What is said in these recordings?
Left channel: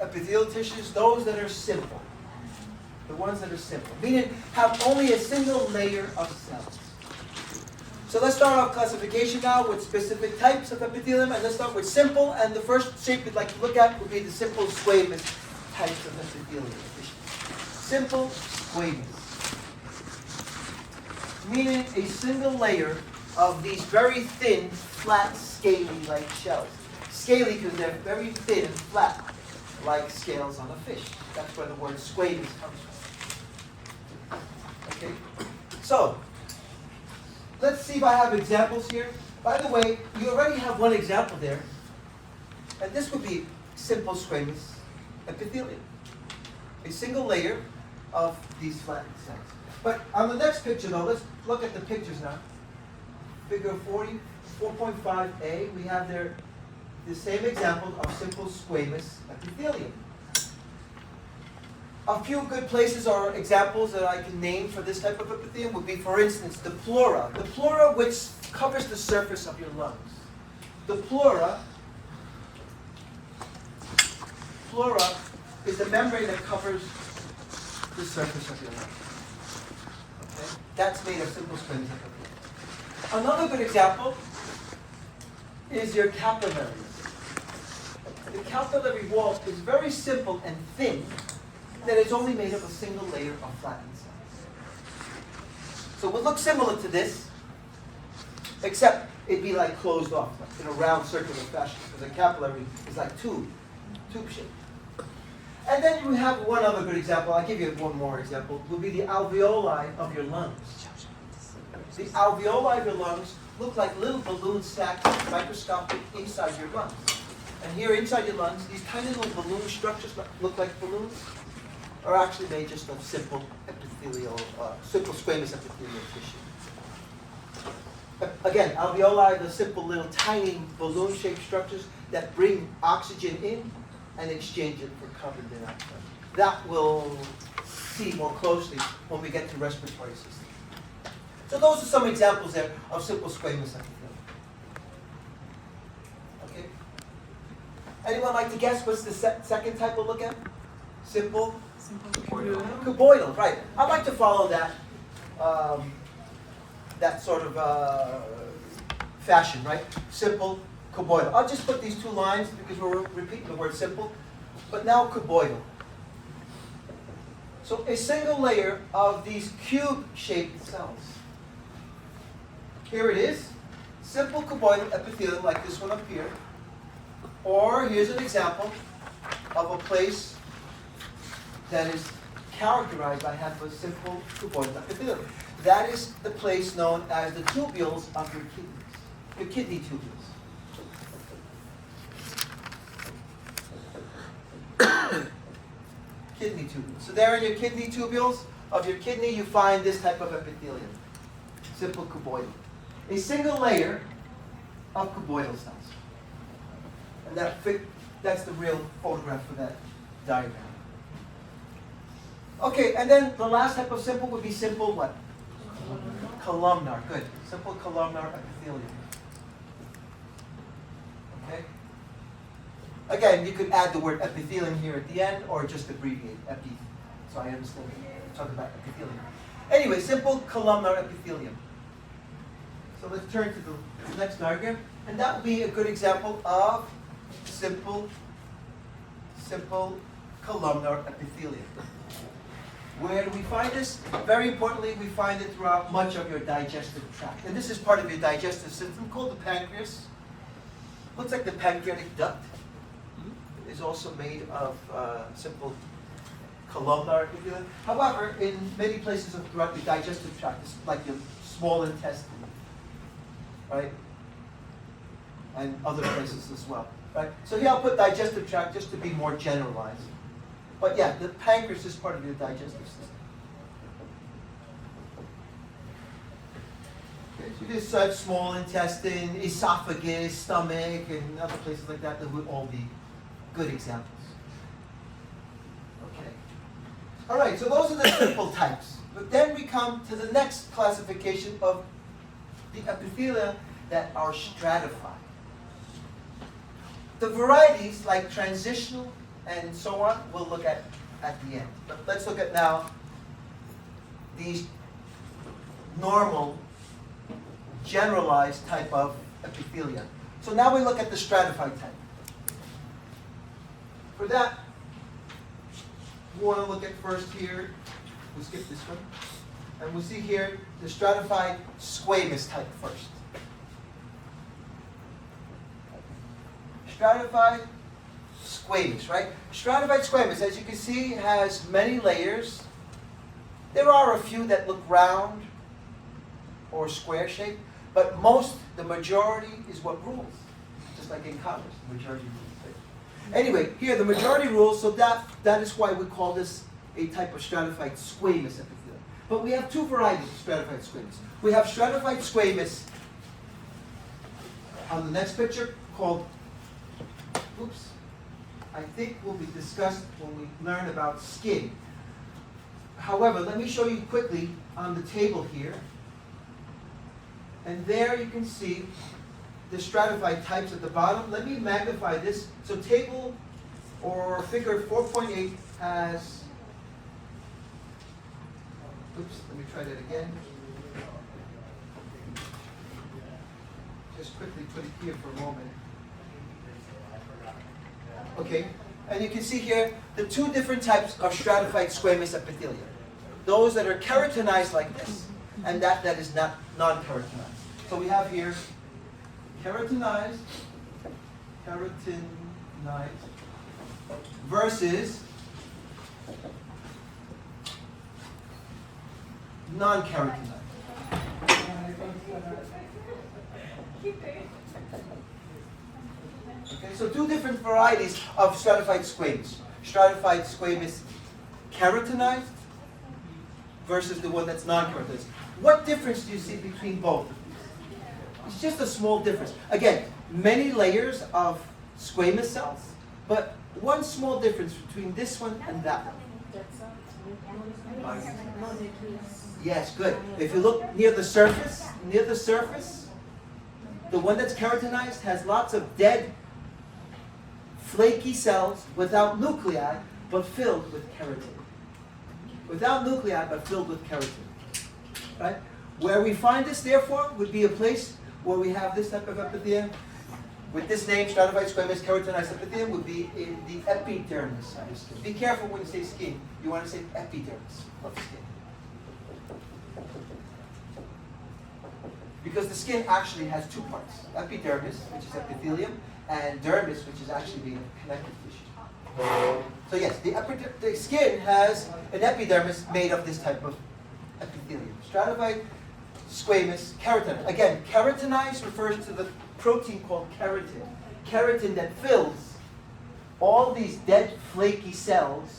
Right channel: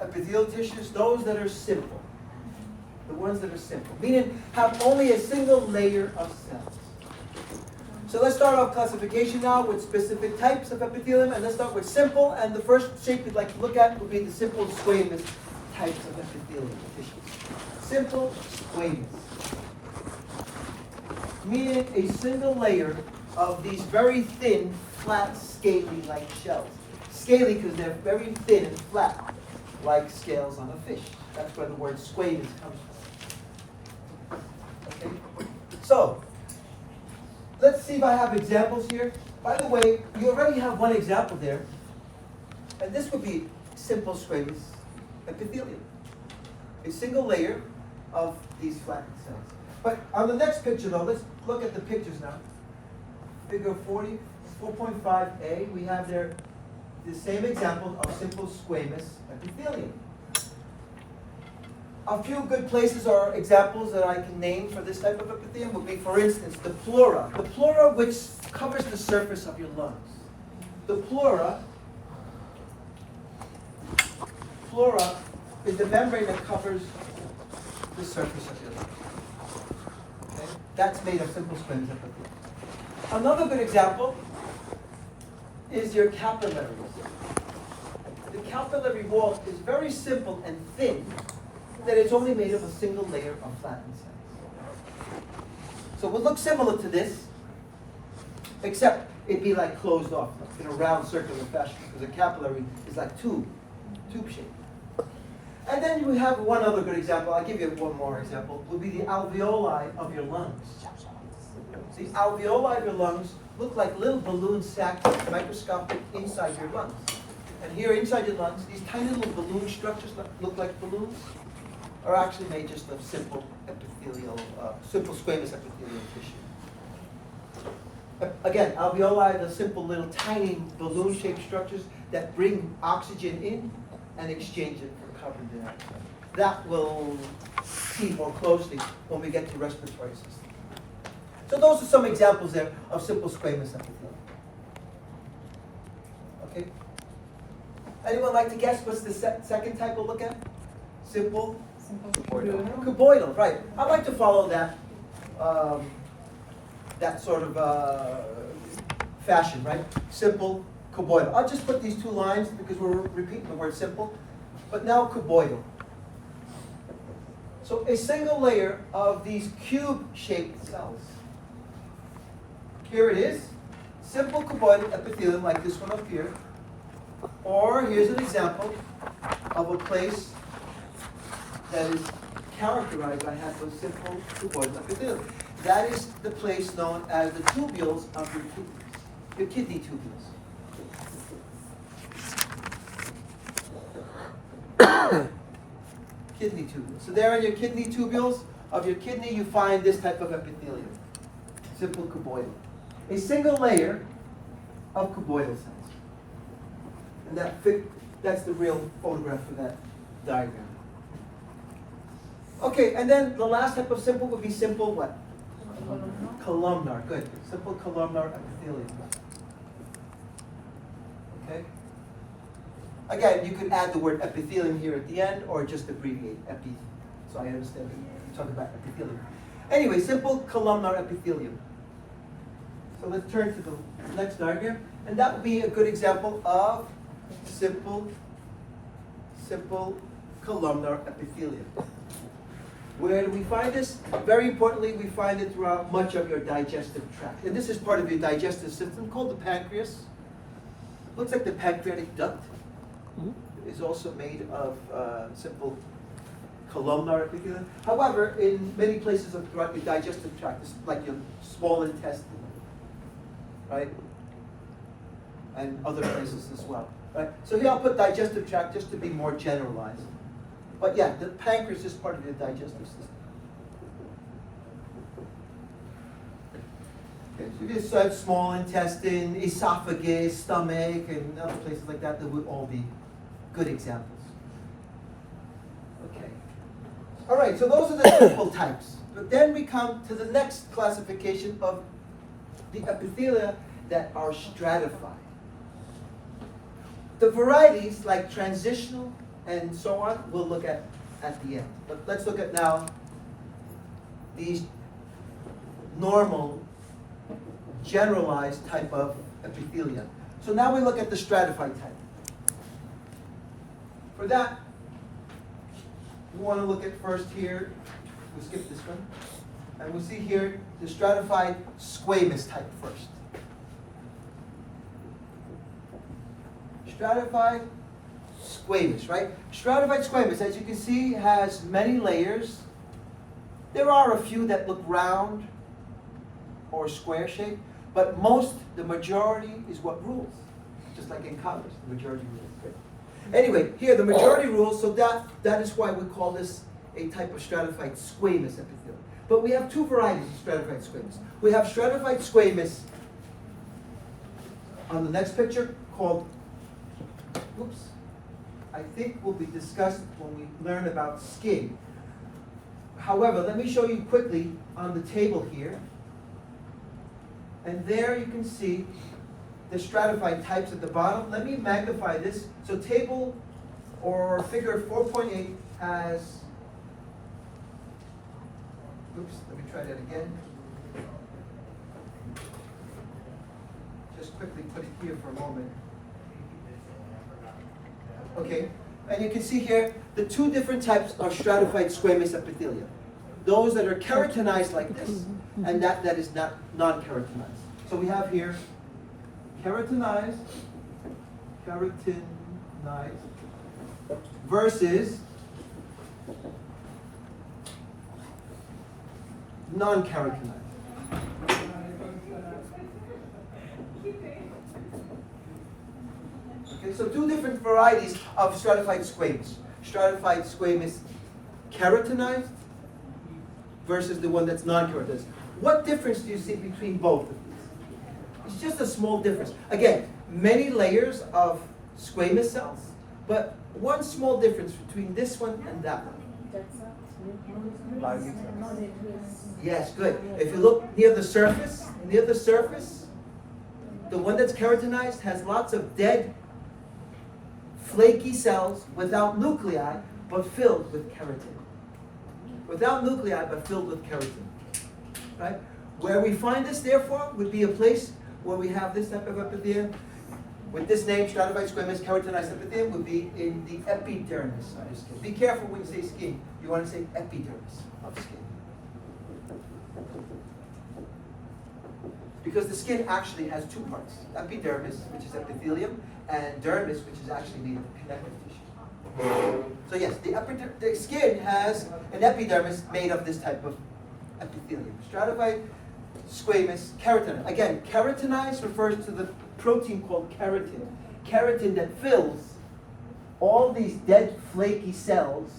of epithelial tissues, those that are simple. The ones that are simple, meaning have only a single layer of cells. So let's start off classification now with specific types of epithelium, and let's start with simple, and the first shape we'd like to look at would be the simple squamous types of epithelial tissue. Simple squamous, meaning a single layer of these very thin, flat, scaly-like shells. Scaly because they're very thin and flat, like scales on a fish. That's where the word squamous comes from. Okay? So, let's see if I have examples here. By the way, you already have one example there. And this would be simple squamous epithelium. A single layer of these flattened cells. But on the next picture though, let's look at the pictures now. Figure 4.5a, we have there the same example of simple squamous epithelium. A few good places or examples that I can name for this type of epithelium would be, for instance, the pleura. The pleura which covers the surface of your lungs. The pleura is the membrane that covers the surface of your lungs. Okay? That's made of simple squamous epithelium. Another good example is your capillary wall. The capillary wall is very simple and thin, that it's only made of a single layer of flattened cells. So it would look similar to this, except it'd be like closed off, like in a round circular fashion, because a capillary is like tube shape. And then you have one other good example. I'll give you one more example. Would be the alveoli of your lungs. The alveoli of your lungs look like little balloons stacked microscopic inside your lungs. And here inside your lungs, these tiny little balloon structures that look like balloons are actually made just of simple simple squamous epithelial tissue. Again, alveoli are the simple little tiny balloon-shaped structures that bring oxygen in and exchange it for carbon dioxide. That we'll see more closely when we get to respiratory system. So those are some examples there of simple squamous epithelium. Okay. Anyone like to guess what's the second type we'll look at? Simple cuboidal, right. I'd like to follow that that sort of fashion, right? Simple cuboidal. I'll just put these two lines because we're repeating the word simple, but now cuboidal. So a single layer of these cube-shaped cells. Here it is, simple cuboidal epithelium like this one up here. Or here's an example of a place that is characterized by having a simple cuboidal epithelium. That is the place known as the tubules of your kidneys, your kidney tubules. Kidney tubules. So there in your kidney tubules of your kidney, you find this type of epithelium, simple cuboidal. A single layer of cuboidal cells. And that's the real photograph for that diagram. Okay, and then the last type of simple would be simple what? Columnar. Good. Simple columnar epithelium. Okay? Again, you could add the word epithelium here at the end or just abbreviate epi. So I understand you're talking about epithelium. Anyway, simple columnar epithelium. So let's turn to the next diagram. And that would be a good example of simple columnar epithelium. Where do we find this? Very importantly, we find it throughout much of your digestive tract. And this is part of your digestive system called the pancreas. Looks like the pancreatic duct. It is also made of simple columnar epithelium. However, in many places throughout the digestive tract, it's like your small intestine, right? And other places as well, right? So here I'll put digestive tract just to be more generalized. But yeah, the pancreas is part of your digestive system. Okay, so you just small intestine, esophagus, stomach, and other places like that would all be good examples. Okay. All right, so those are the simple types. But then we come to the next classification of the epithelia that are stratified. The varieties like transitional and so on, we'll look at the end. But let's look at now these normal, generalized type of epithelia. So now we look at the stratified type. For that, we want to look at first here, we'll skip this one, and we'll see here the stratified squamous type first. Stratified squamous, right? Stratified squamous, as you can see, has many layers. There are a few that look round or square shaped, but the majority is what rules. Just like in college, the majority rules. Anyway, here the majority rules, so that is why we call this a type of stratified squamous epithelium. But we have two varieties of stratified squamous. We have stratified squamous on the next picture called, I think will be discussed when we learn about skin. However, let me show you quickly on the table here. And there you can see the stratified types at the bottom. Let me magnify this. So table or figure 4.8 has, let me try that again. Just quickly put it here for a moment. Okay, and you can see here the two different types of stratified squamous epithelia. Those that are keratinized like this, and that is not non-keratinized. So we have here keratinized versus non-keratinized. Okay, so two different varieties of stratified squamous. Stratified squamous keratinized versus the one that's non-keratinized. What difference do you see between both of these? It's just a small difference. Again, many layers of squamous cells, but one small difference between this one and that one. Yes, good. If you look near the surface, the one that's keratinized has lots of dead, flaky cells without nuclei, but filled with keratin. Without nuclei, but filled with keratin. Right? Where we find this, therefore, would be a place where we have this type of epithelium. With this name, stratified squamous keratinized epithelium would be in the epidermis of the skin. Be careful when you say skin. You want to say epidermis of the skin. Because the skin actually has two parts. Epidermis, which is epithelium, and dermis, which is actually the connective tissue. So yes, the skin has an epidermis made of this type of epithelium. Stratified squamous keratin. Again, keratinized refers to the protein called keratin. Keratin that fills all these dead flaky cells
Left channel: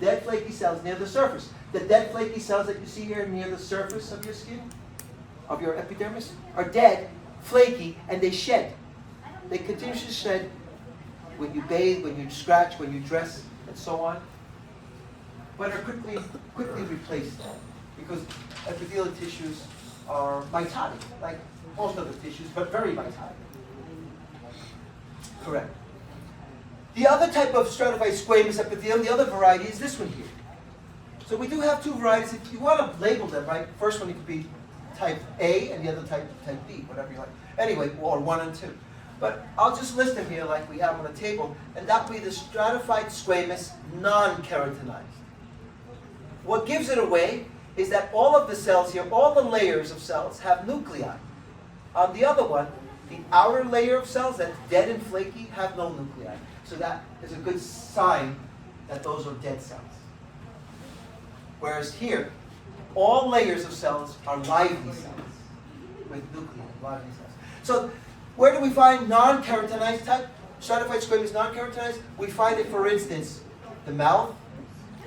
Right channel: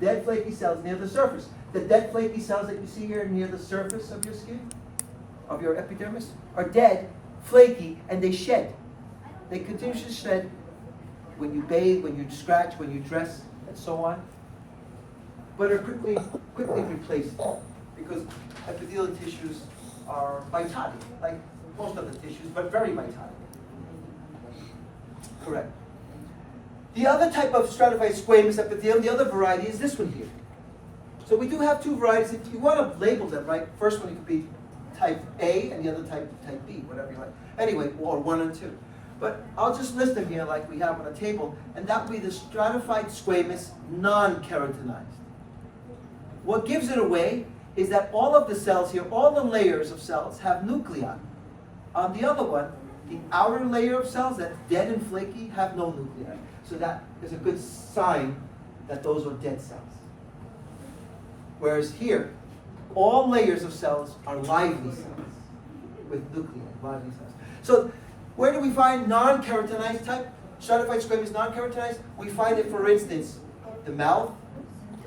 near the surface. The dead flaky cells that you see here near the surface of your skin, of your epidermis, are dead, flaky, and they shed. They continue to shed when you bathe, when you scratch, when you dress, and so on, but are quickly replaced because epithelial tissues are mitotic, like most other tissues, but very mitotic. Correct. The other type of stratified squamous epithelium, the other variety, is this one here. So we do have two varieties. If you want to label them, right, first one it could be type A and the other type B, whatever you like. Anyway, or 1 and 2. But I'll just list them here like we have on the table, and that would be the stratified squamous non-keratinized. What gives it away is that all of the cells here, all the layers of cells, have nuclei. On the other one, the outer layer of cells that's dead and flaky have no nuclei. So that is a good sign that those are dead cells. Whereas here, all layers of cells are lively cells with nuclei, lively cells. So where do we find non-keratinized type? Stratified squamous non-keratinized? We find it, for instance, the mouth,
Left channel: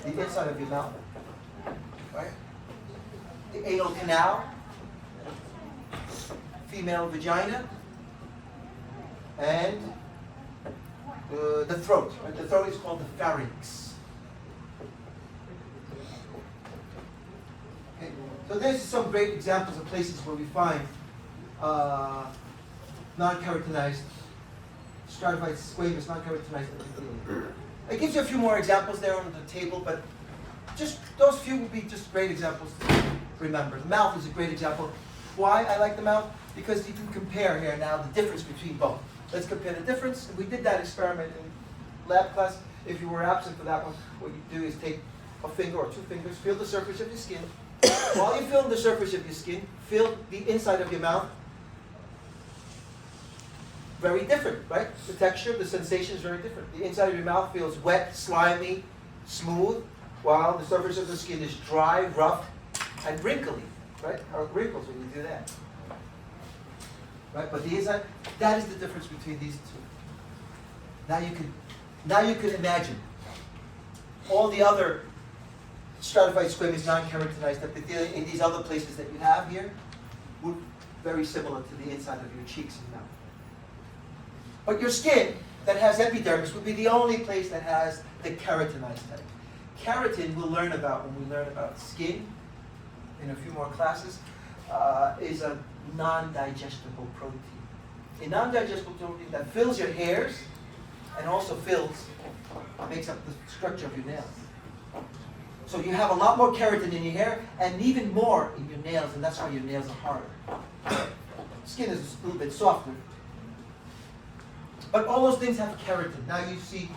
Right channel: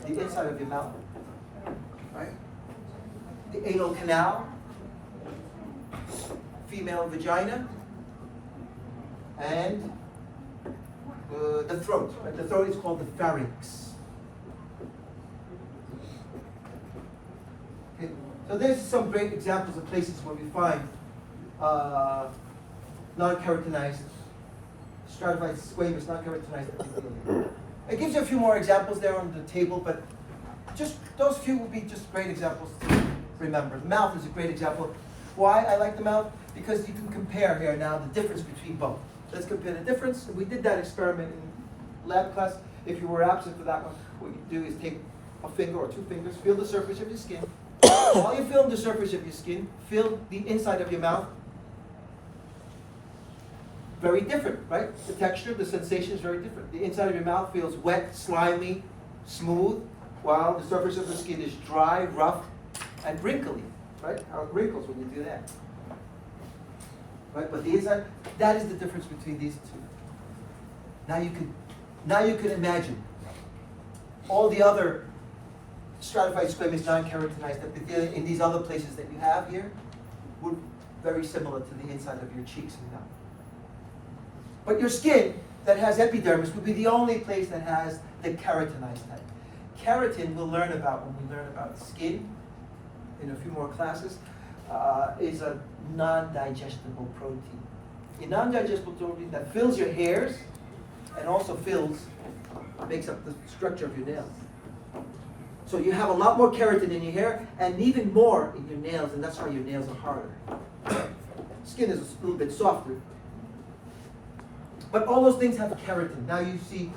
the inside of your mouth, right? The anal canal, female vagina, and the throat. Right? The throat is called the pharynx. Okay. So there's some great examples of places where we find non-keratinized, stratified squamous, non-keratinized epithelium. It gives you a few more examples there on the table, but just those few would be just great examples to remember. The mouth is a great example. Why I like the mouth? Because you can compare here now the difference between both. Let's compare the difference. We did that experiment in lab class. If you were absent for that one, what you do is take a finger or two fingers, feel the surface of your skin. While you're feeling the surface of your skin, feel the inside of your mouth. Very different, right? The texture, the sensation is very different. The inside of your mouth feels wet, slimy, smooth, while the surface of the skin is dry, rough, and wrinkly, right? Or wrinkles when you do that. Right? But the inside, that is the difference between these two. Now you can imagine all the other stratified squamous non-keratinized epithelium in these other places that you have here would very similar to the inside of your cheeks and mouth. But your skin that has epidermis would be the only place that has the keratinized type. Keratin we'll learn about when we learn about skin in a few more classes, is a non-digestible protein. A non-digestible protein that fills your hairs and also makes up the structure of your nails. So you have a lot more keratin in your hair and even more in your nails, and that's why your nails are harder. Skin is a little bit softer. But all those things have keratin. Now you see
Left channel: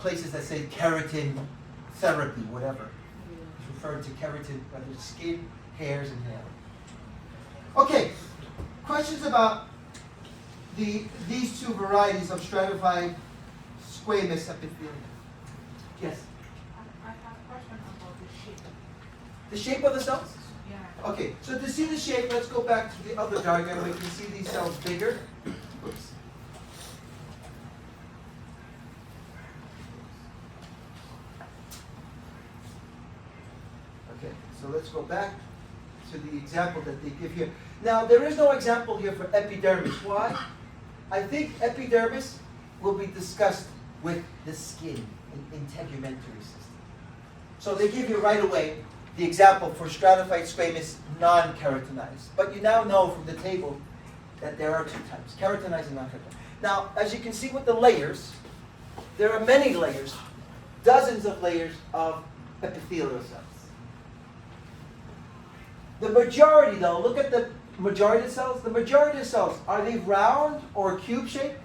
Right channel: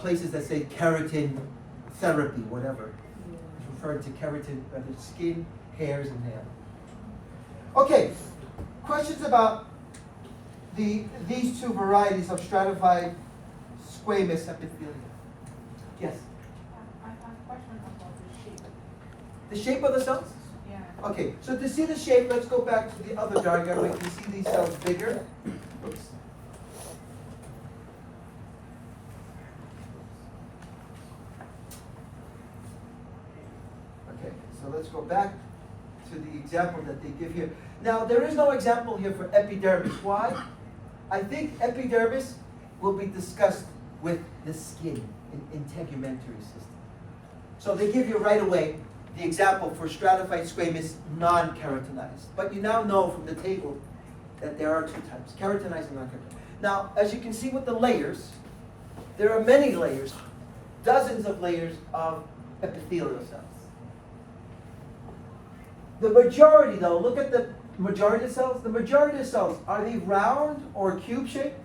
places that say keratin therapy, whatever. It's referred to keratin, whether it's skin, hairs, and hair. Okay, questions about these two varieties of stratified squamous epithelium? Yes? I have a question about the shape. The shape of the cells? Yeah. Okay, so to see the shape, let's go back to the other diagram. We can see these cells bigger. Oops. Okay, so let's go back to the example that they give here. Now, there is no example here for epidermis. Why? I think epidermis will be discussed with the skin in integumentary system. So they give you right away the example for stratified squamous non-keratinized. But you now know from the table that there are two types, keratinized and non-keratinized. Now, as you can see with the layers, there are many layers, dozens of layers of epithelial cells. The majority, though, look at the majority of cells. The majority of cells, are they round or cube shaped?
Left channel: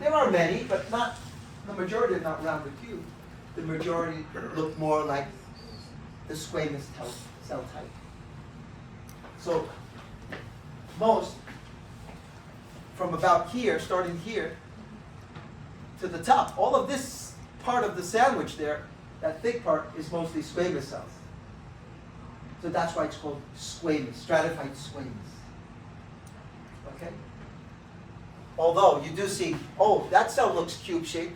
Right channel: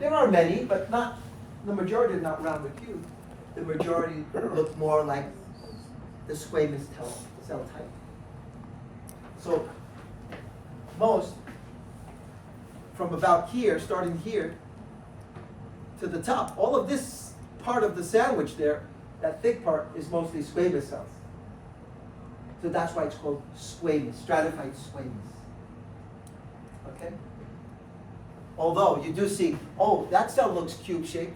There are many, but not the majority are not round or cube. The majority look more like the squamous cell type. So most, from about here, starting here, to the top, all of this part of the sandwich there, that thick part, is mostly squamous cells. So that's why it's called squamous, stratified squamous. Okay? Although you do see, oh, that cell looks cube-shaped,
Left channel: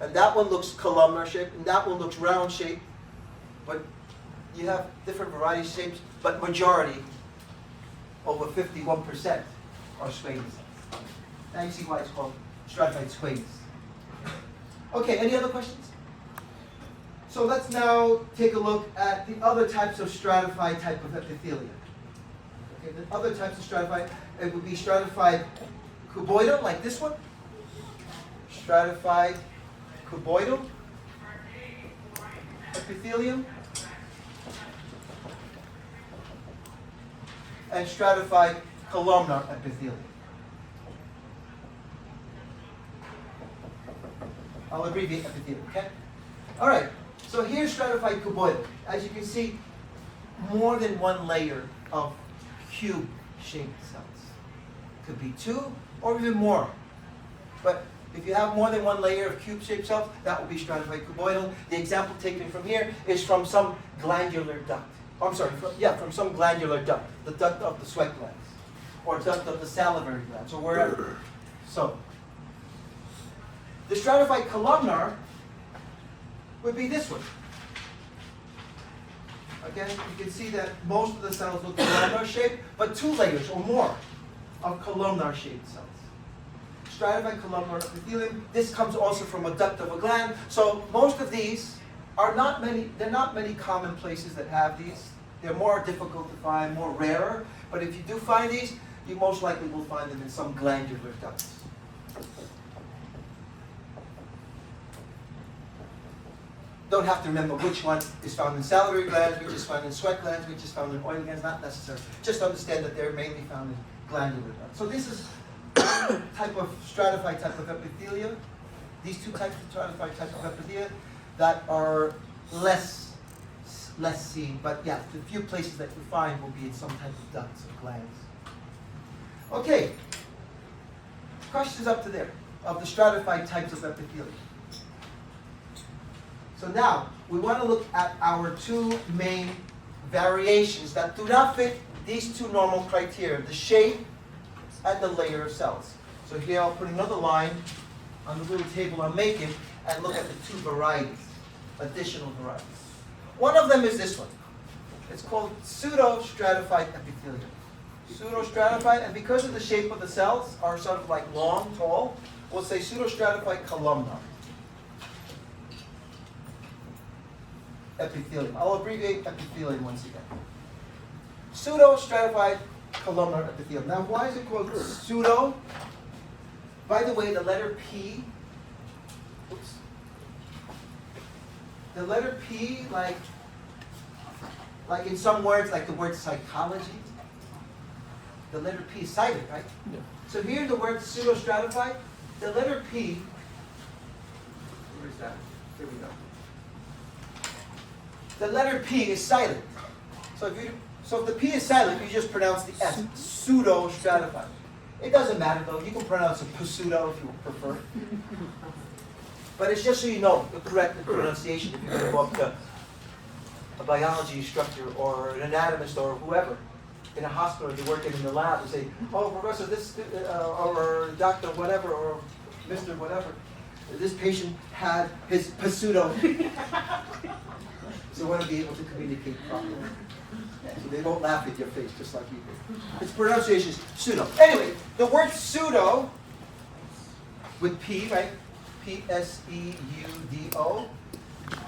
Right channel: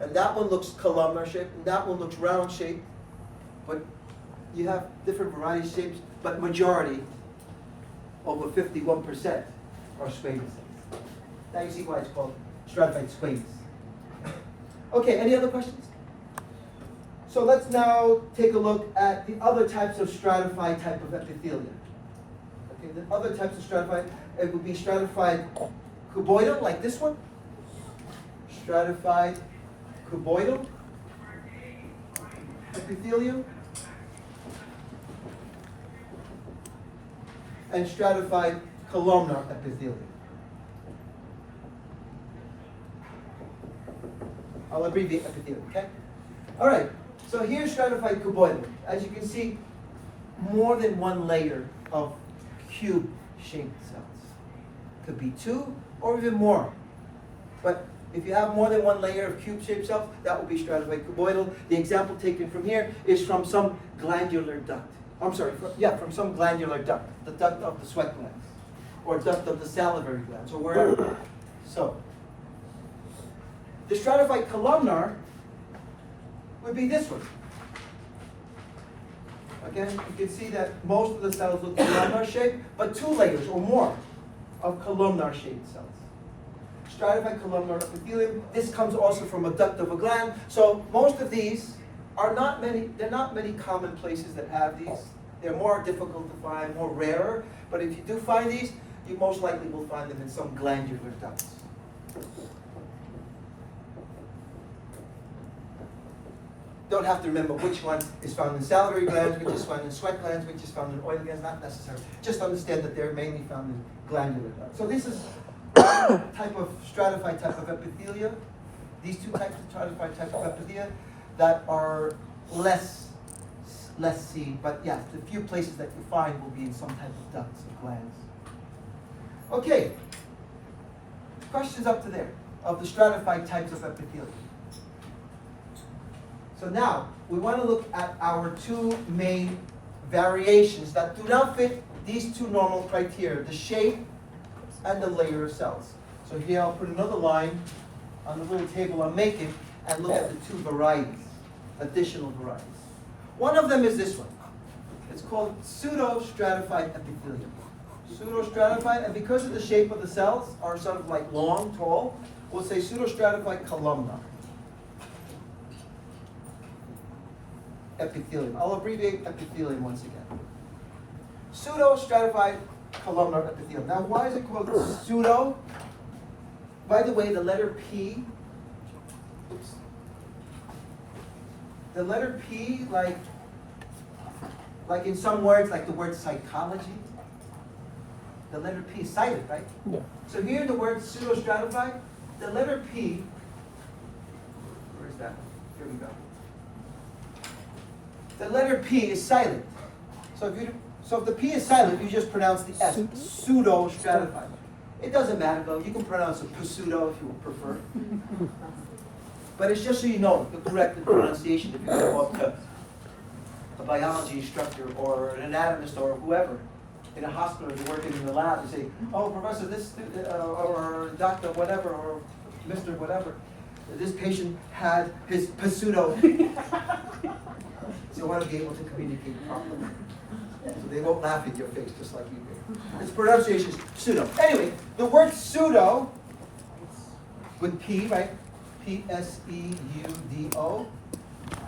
and that one looks columnar-shaped, and that one looks round-shaped, but you have different varieties of shapes, but majority, over 51%, are squamous cells. Now you see why it's called stratified squamous. Okay, any other questions? So let's now take a look at the other types of stratified type of epithelium. Okay, the other types of stratified, it would be stratified cuboidal, like this one. Stratified cuboidal epithelium. And stratified columnar epithelium. I'll abbreviate epithelium, okay? All right. So here's stratified cuboidal. As you can see, more than one layer of cube-shaped cells. Could be two or even more. But if you have more than one layer of cube-shaped cells, that will be stratified cuboidal. The example taken from here is from some glandular duct. I'm sorry, from some glandular duct. The duct of the sweat glands. Or duct of the salivary glands, or wherever. So, the stratified columnar would be this one. Again, you can see that most of the cells look columnar shaped, but two layers or more of columnar shaped cells. Stratified columnar epithelium. This comes also from a duct of a gland. So most of these are not many. There are not many common places that have these. They're more difficult to find, more rarer. But if you do find these, you most likely will find them in some glandular ducts. don't have to remember which one is found in salivary glands, which is found in sweat glands, which is found in oil glands, not necessary. Just understand that they're mainly found in glandular glands. So this is one type of stratified type of epithelia. These two types of stratified type of epithelia that are less seen, but yeah, the few places that you find will be in some type of ducts or glands. Okay, questions up to there of the stratified types of epithelia. So now, we want to look at our two main variations that do not fit these two normal criteria, the shape and the layer of cells. So here I'll put another line on the little table I'm making and look at the two varieties, additional varieties. One of them is this one. It's called pseudo-stratified epithelium. Pseudo-stratified, and because of the shape of the cells are sort of like long, tall, we'll say pseudo-stratified columnar epithelium. I'll abbreviate epithelium once again. Pseudo-stratified columnar epithelium. Now, why is it called pseudo? By the way, the letter P, oops, the letter P, like in some words, like the word psychology, the letter P is silent, right? Yeah. So here in the word pseudo-stratified, the letter P, where is that? Here we go. The letter P is silent. So if the P is silent, you just pronounce the S, pseudo-stratified. It doesn't matter though, you can pronounce it pseudo if you prefer. But it's just so you know the correct pronunciation if you go up to a biology instructor or an anatomist or whoever in a hospital, you're working in the lab and say, oh, professor, this, or doctor, whatever, or Mr. whatever, this patient had his pseudo. So I want to be able to communicate properly. So they don't laugh in your face just like you do. Its pronunciation is pseudo. Anyway, the word pseudo with P, right? P-S-E-U-D-O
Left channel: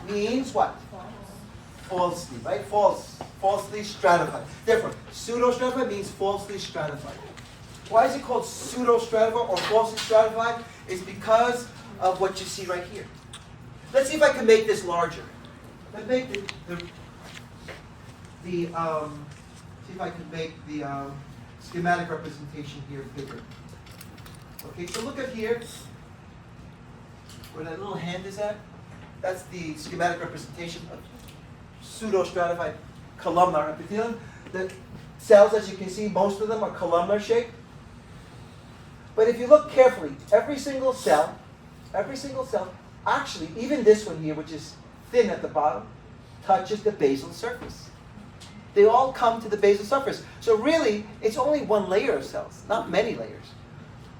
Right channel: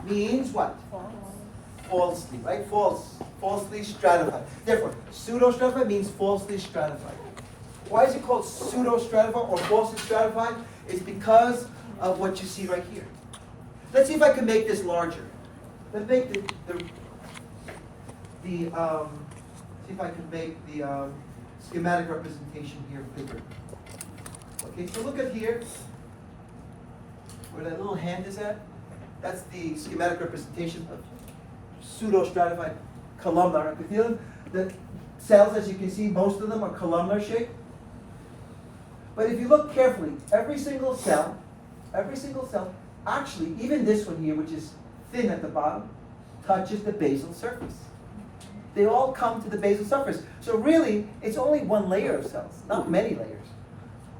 means what? Falsely, right? Falsely stratified. Therefore, pseudo-stratified means falsely stratified. Why is it called pseudo-stratified or falsely stratified? It's because of what you see right here. Let's see if I can make this larger. Let's make see if I can make the schematic representation here bigger. Okay, so look at here, where that little hand is at. That's the schematic representation of pseudo-stratified columnar epithelium. The cells, as you can see, most of them are columnar shaped. But if you look carefully, every single cell, actually, even this one here, which is thin at the bottom, touches the basal surface. They all come to the basal surface. So really, it's only one layer of cells, not many layers.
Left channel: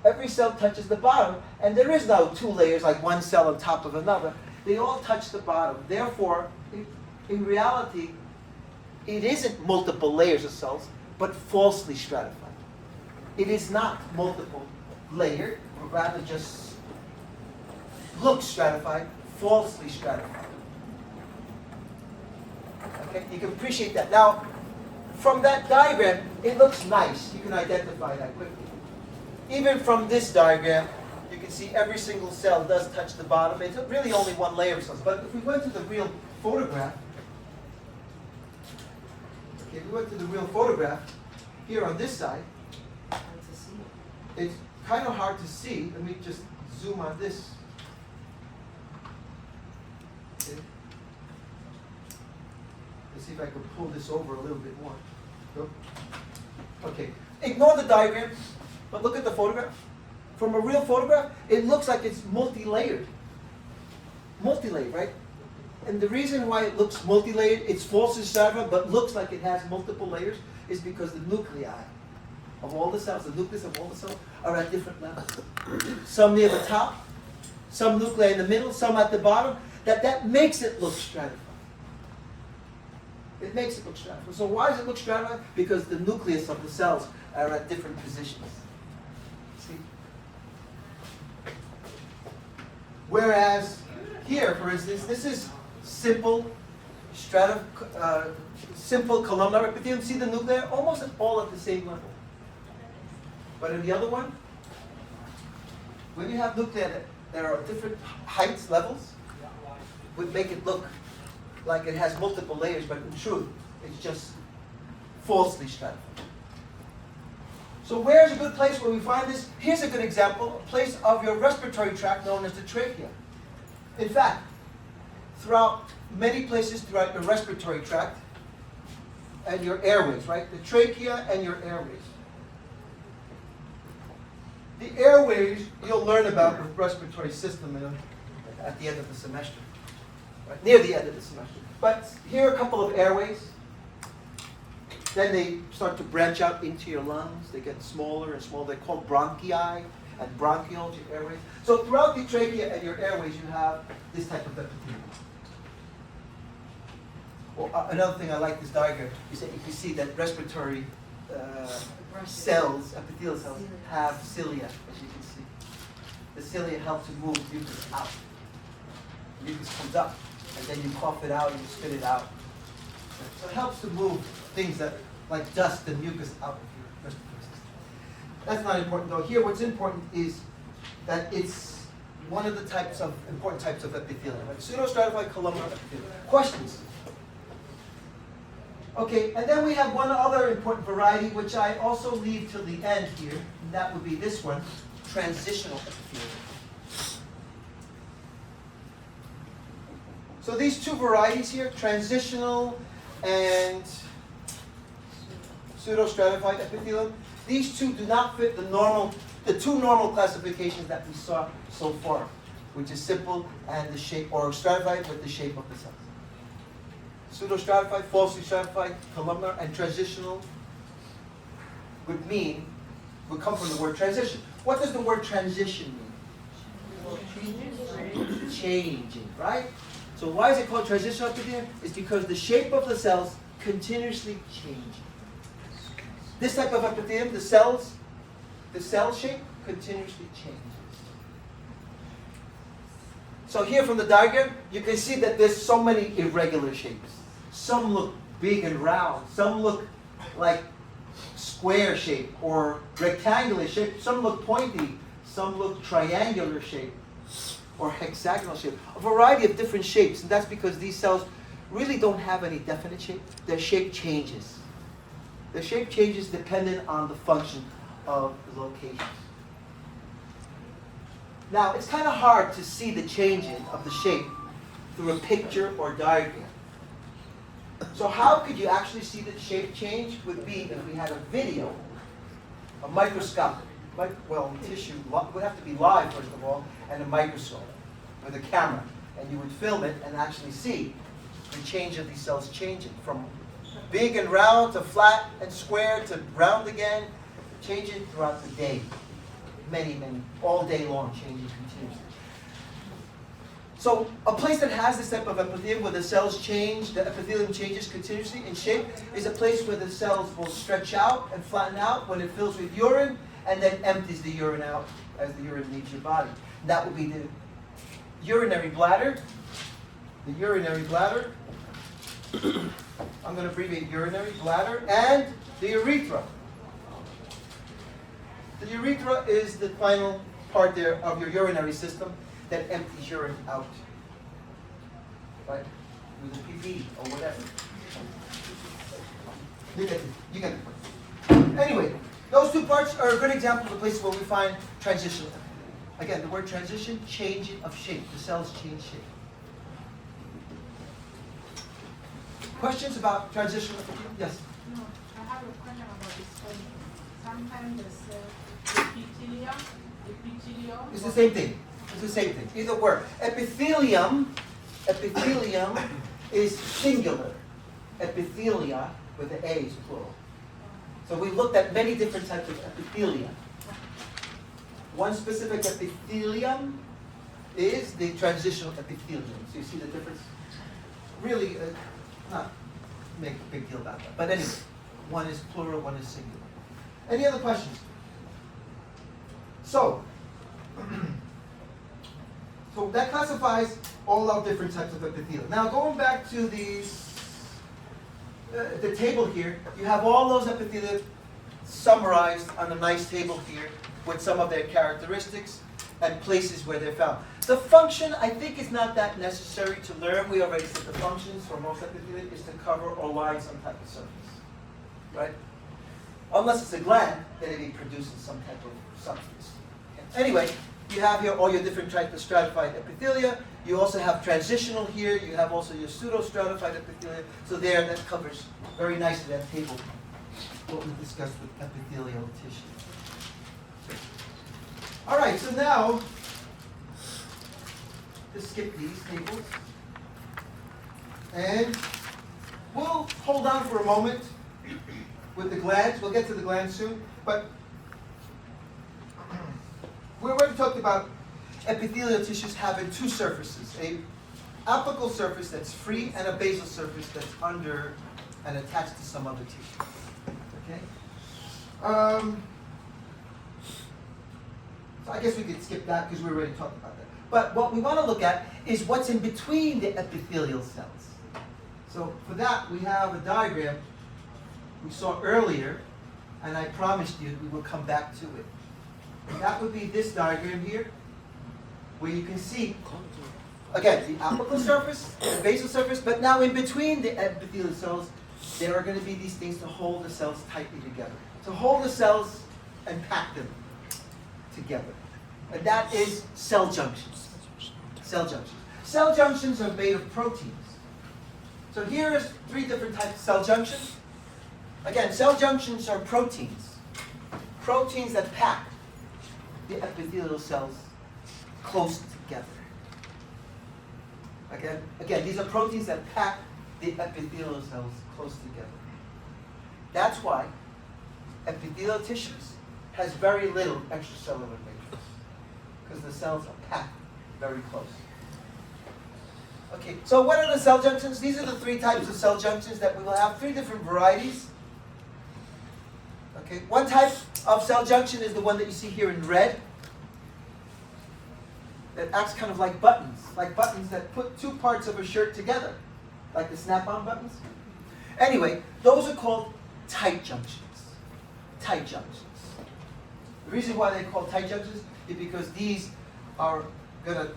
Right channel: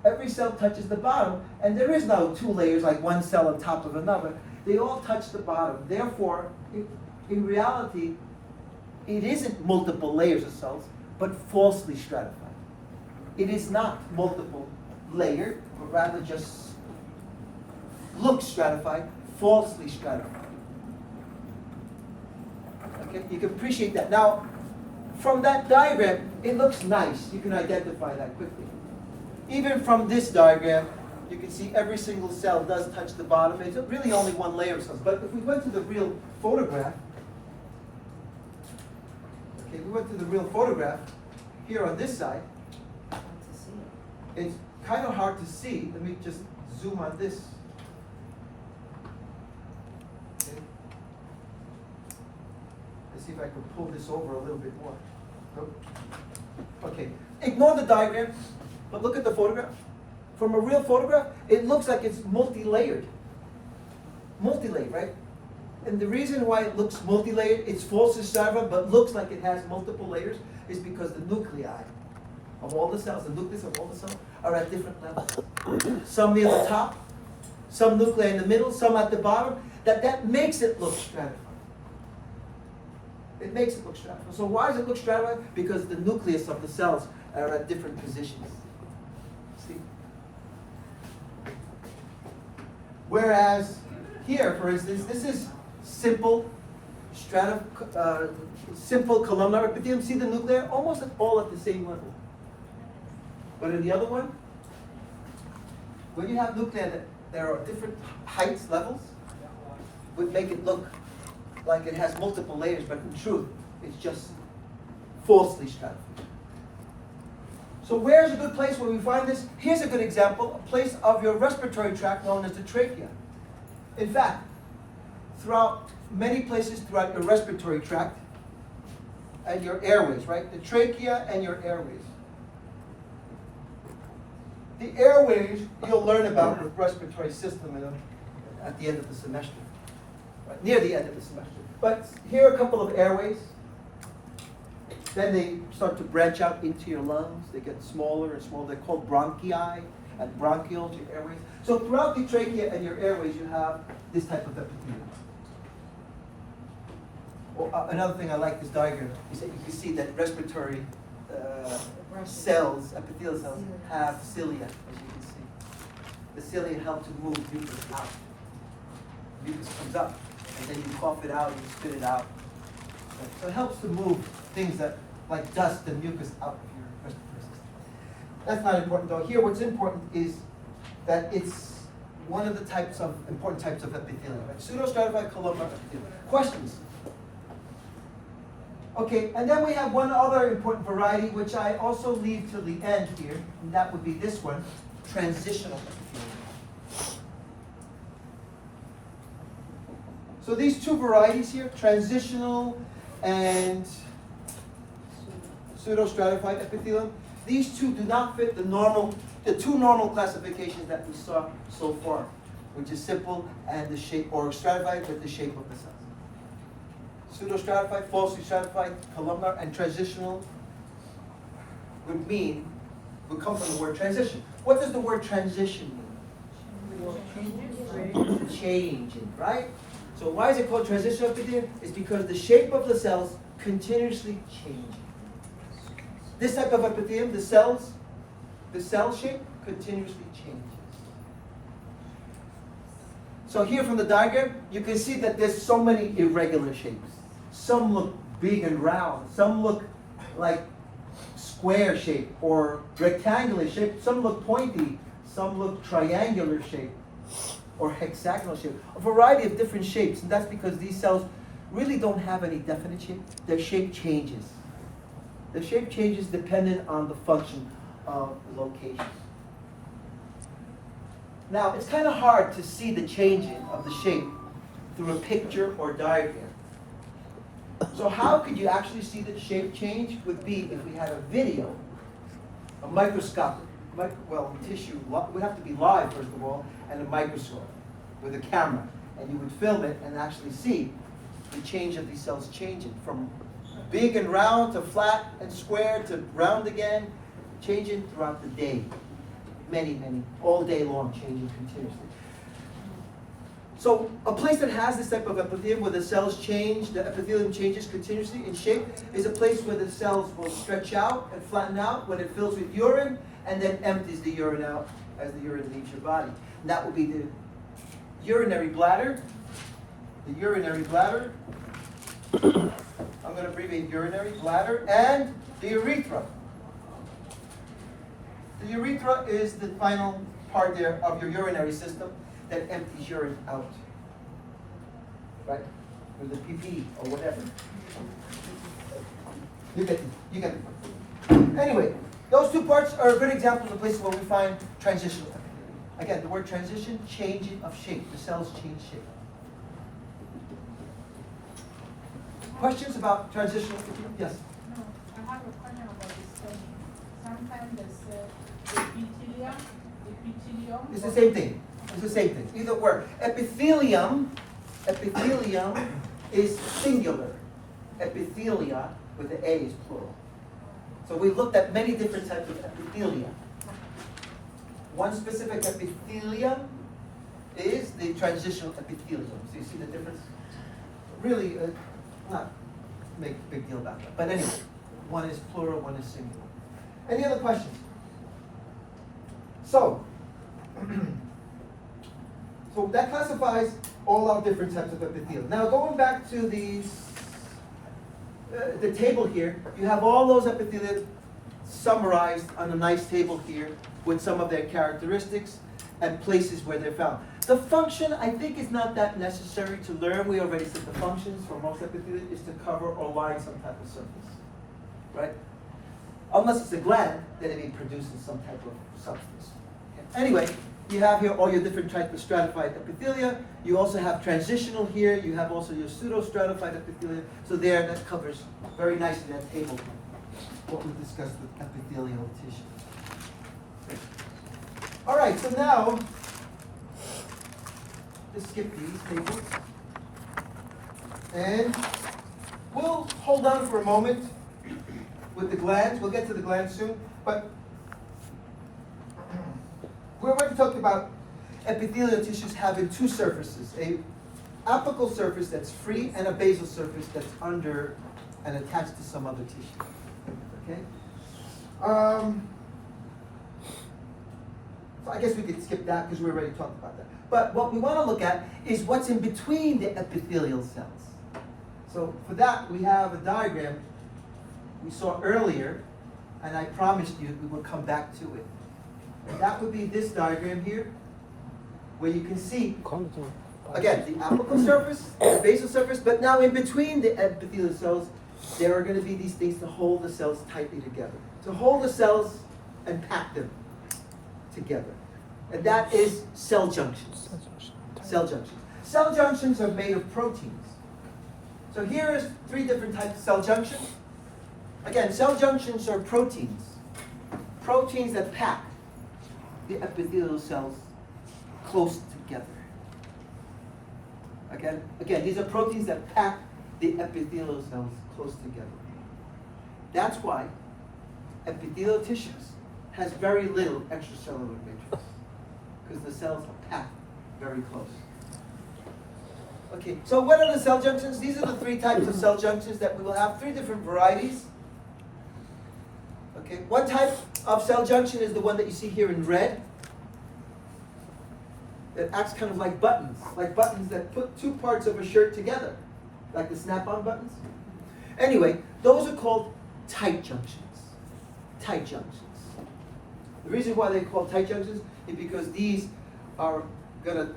Every cell touches the bottom, and there is no two layers like one cell on top of another. They all touch the bottom. Therefore, in reality, it isn't multiple layers of cells, but falsely stratified. It is not multiple layered, but rather just looks stratified, falsely stratified. Okay, you can appreciate that. Now, from that diagram, it looks nice. You can identify that quickly. Even from this diagram, you can see every single cell does touch the bottom. It's really only one layer of cells. But if we went to the real photograph, here on this side, it's kind of hard to see. Let me just zoom on this. Okay. Let's see if I can pull this over a little bit more. Okay, ignore the diagram, but look at the photograph. From a real photograph, it looks like it's multi-layered. Multi-layered, right? And the reason why it looks multi-layered, it's falsely stratified, but looks like it has multiple layers, is because the nuclei of all the cells, the nucleus of all the cells, are at different levels. Some near the top, some nuclei in the middle, some at the bottom. That makes it look stratified. It makes it look stratified. So why does it look stratified? Because the nucleus of the cells are at different positions. See? Whereas here, for instance, this is simple simple columnar epithelium. See the nuclei? Almost all at the same level. But in the other one, when you have nuclei that are at different heights, levels, would make it look like it has multiple layers, but in truth, it's just falsely stratified. So where's a good place where we find this? Here's a good example, a place of your respiratory tract known as the trachea. In fact, throughout many places throughout your respiratory tract and your airways, right? The trachea and your airways. The airways you'll learn about with respiratory system, at the end of the semester, right? Near the end of the semester. But here are a couple of airways. Then they start to branch out into your lungs. They get smaller and smaller. They're called bronchi and bronchioles, your airways. So throughout the trachea and your airways, you have this type of epithelium. Well, another thing I like this diagram is that you can see that respiratory cells, epithelial cells, have cilia, as you can see. The cilia help to move mucus out. Mucus comes up, and then you cough it out, you spit it out. So it helps to move things that, like dust and mucus, out of your respiratory system. That's not important though. Here, what's important is that it's one of the important types of epithelium, like pseudostratified columnar epithelium. Questions? Okay, and then we have one other important variety, which I also leave till the end here, and that would be this one, transitional epithelium. So these two varieties here, transitional and pseudostratified epithelium, these two do not fit the two normal classifications that we saw so far, which is simple and the shape, or stratified with the shape of the cells. Pseudostratified, falsely stratified, columnar, and transitional would come from the word transition. What does the word transition mean? Changing, right? So why is it called transitional epithelium? It's because the shape of the cells continuously change. This type of epithelium, the cell shape continuously changes. So here from the diagram, you can see that there's so many irregular shapes. Some look big and round. Some look like square shape or rectangular shape. Some look pointy. Some look triangular shape or hexagonal shape. A variety of different shapes. And that's because these cells really don't have any definite shape. Their shape changes. Their shape changes dependent on the function of the location. Now, it's kind of hard to see the changing of the shape through a picture or diagram. So how could you actually see the shape change? Would be if we had a video, a microscopic, tissue, would have to be live first of all, and a microscope with a camera. And you would film it and actually see the change of these cells changing from big and round to flat and square to round again, changing throughout the day. Many, all day long, changing continuously. So a place that has this type of epithelium where the cells change, the epithelium changes continuously in shape, is a place where the cells will stretch out and flatten out when it fills with urine and then empties the urine out as the urine leaves your body. And that will be the urinary bladder. The urinary bladder. I'm going to abbreviate urinary bladder, and the urethra. The urethra is the final part there of your urinary system that empties urine out, right? Through the pee or whatever. You get it. Anyway, those two parts are a good example of places where we find transitional epithelium. Again, the word transition, changing of shape. The cells change shape. Questions about transitional epithelium? Yes? No, I have a question about the spelling. Sometimes they say epithelium. It's the same thing. It's the same thing. Either word. Epithelium is singular. Epithelia with the A is plural. So we've looked at many different types of epithelia. One specific epithelium is the transitional epithelium. So you see the difference? Really, not make a big deal about that. But anyway, one is plural, one is singular. Any other questions? So that classifies all our different types of epithelium. Now going back to the table here, you have all those epithelia summarized on a nice table here with some of their characteristics and places where they're found. The function, I think, is not that necessary to learn. We already said the functions for most epithelia is to cover or line some type of surface, right? Unless it's a gland, then it may produce some type of substance. Okay. Anyway, you have here all your different types of stratified epithelia. You also have transitional here. You have also your pseudo-stratified epithelia. So there, that covers very nicely that table what we discussed with epithelial tissue. All right, so now, let's skip these tables. And we'll hold on for a moment with the glands. We'll get to the glands soon. But we're already talked about epithelial tissues having two surfaces, a apical surface that's free and a basal surface that's under and attached to some other tissue. Okay? So I guess we could skip that because we already talked about that. But what we want to look at is what's in between the epithelial cells. So for that, we have a diagram we saw earlier, and I promised you we will come back to it. And that would be this diagram here, where you can see, again, the apical surface, the basal surface, but now in between the epithelial cells, there are going to be these things to hold the cells tightly together. To hold the cells and pack them together. And that is cell junctions. Cell junctions. Cell junctions are made of proteins. So here is 3 different types of cell junctions. Again, cell junctions are proteins. Proteins that pack the epithelial cells close together. Again, these are proteins that pack the epithelial cells close together. That's why epithelial tissues has very little extracellular matrix, because the cells are packed very close. Okay, so what are the cell junctions? These are the 3 types of cell junctions that we will have, 3 different varieties. Okay, one type of cell junction is the one that you see here in red. It acts kind of like buttons that put 2 parts of a shirt together, like the snap-on buttons. Anyway, those are called tight junctions. Tight junctions. The reason why they're called tight junctions is because these are going to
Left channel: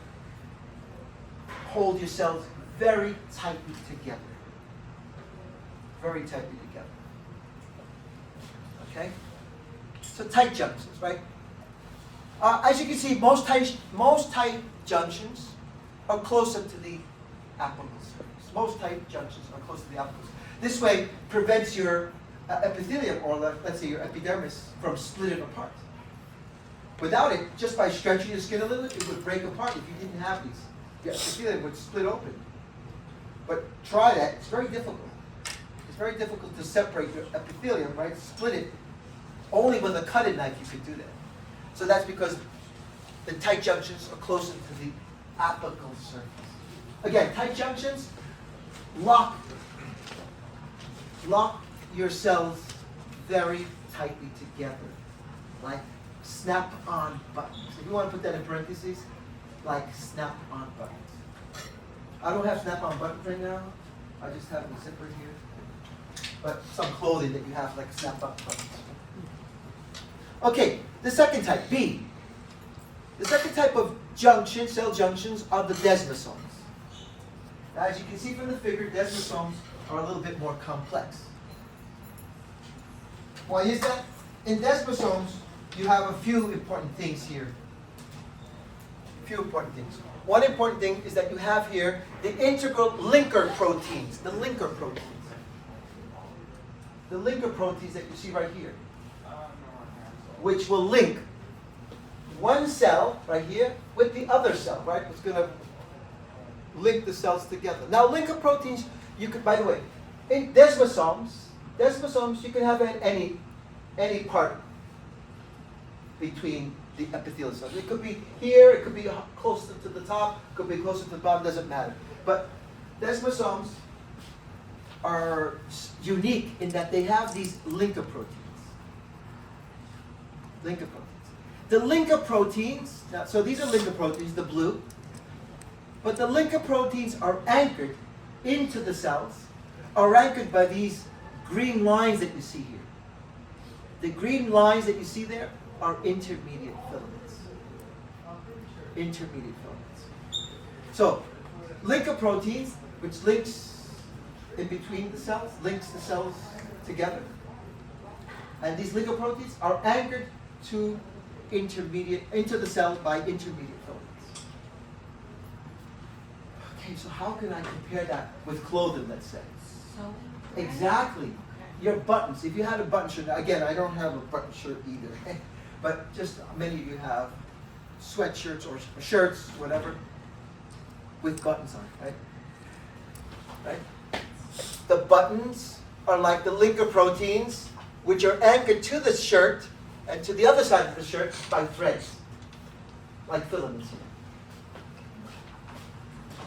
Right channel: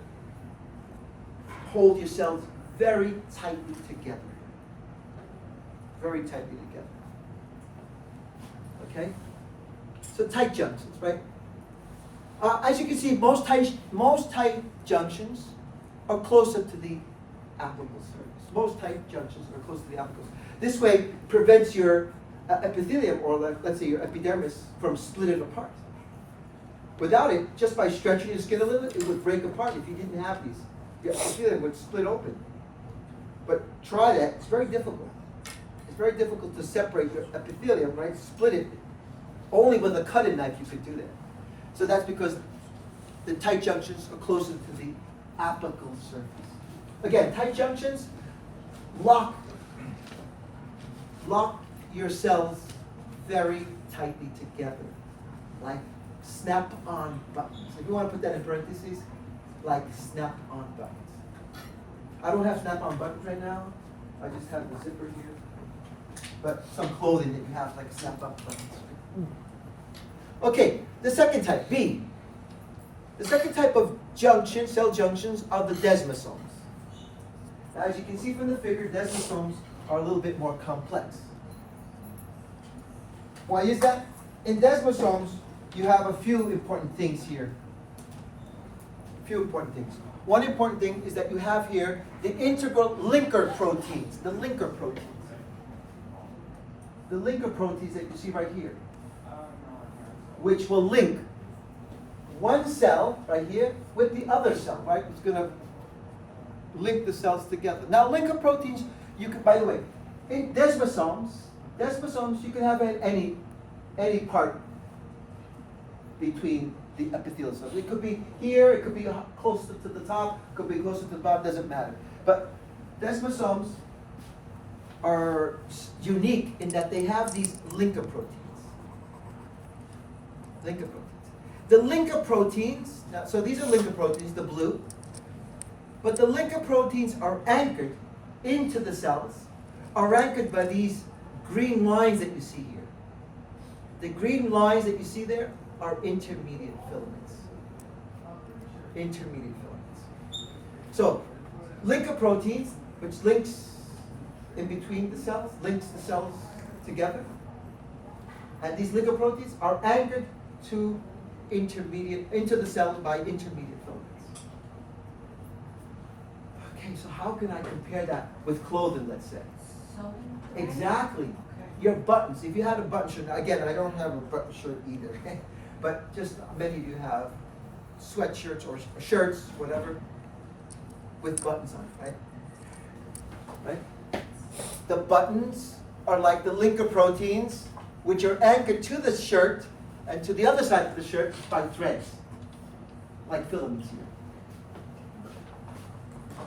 hold your cells very tightly together. Very tightly together. Okay? So tight junctions, right? As you can see, most tight junctions are closer to the apical surface. Most tight junctions are closer to the apical surface. This way prevents your epithelium, or let's say your epidermis, from splitting apart. Without it, just by stretching your skin a little, it would break apart if you didn't have these. Your epithelium would split open. But try that, it's very difficult. It's very difficult to separate your epithelium, right? Split it. Only with a cutting knife you could do that. So that's because the tight junctions are closer to the apical surface. Again, tight junctions lock your cells very tightly together, like snap-on buttons. If you want to put that in parentheses, like snap-on buttons. I don't have snap-on buttons right now. I just have a zipper here. But some clothing that you have like snap-on buttons. Okay, the second type, B. The second type of junction, cell junctions, are the desmosomes. Now, as you can see from the figure, desmosomes are a little bit more complex. Why is that? In desmosomes, you have a few important things here. Few important things. One important thing is that you have here the integral linker proteins, the linker proteins. The linker proteins that you see right here, which will link one cell right here with the other cell, right? It's going to link the cells together. Now, linker proteins, you can, by the way, in desmosomes, you can have any part between the epithelial cells. It could be here, it could be closer to the top, it could be closer to the bottom, doesn't matter. But desmosomes are unique in that they have these linker proteins. Linker proteins. The linker proteins, so these are linker proteins, the blue, but the linker proteins are anchored into the cells, are anchored by these green lines that you see here. The green lines that you see there are intermediate filaments. Intermediate filaments. So, linker proteins, which links in between the cells, links the cells together. And these linker proteins are anchored to into the cell by intermediate filaments. Okay, so how can I compare that with clothing, let's say? Exactly. Your buttons, if you had a button shirt, again, I don't have a button shirt either, but just many of you have sweatshirts or shirts, whatever, with buttons on it, right? Right? The buttons are like the linker proteins, which are anchored to the shirt and to the other side of the shirt by threads, like filaments here.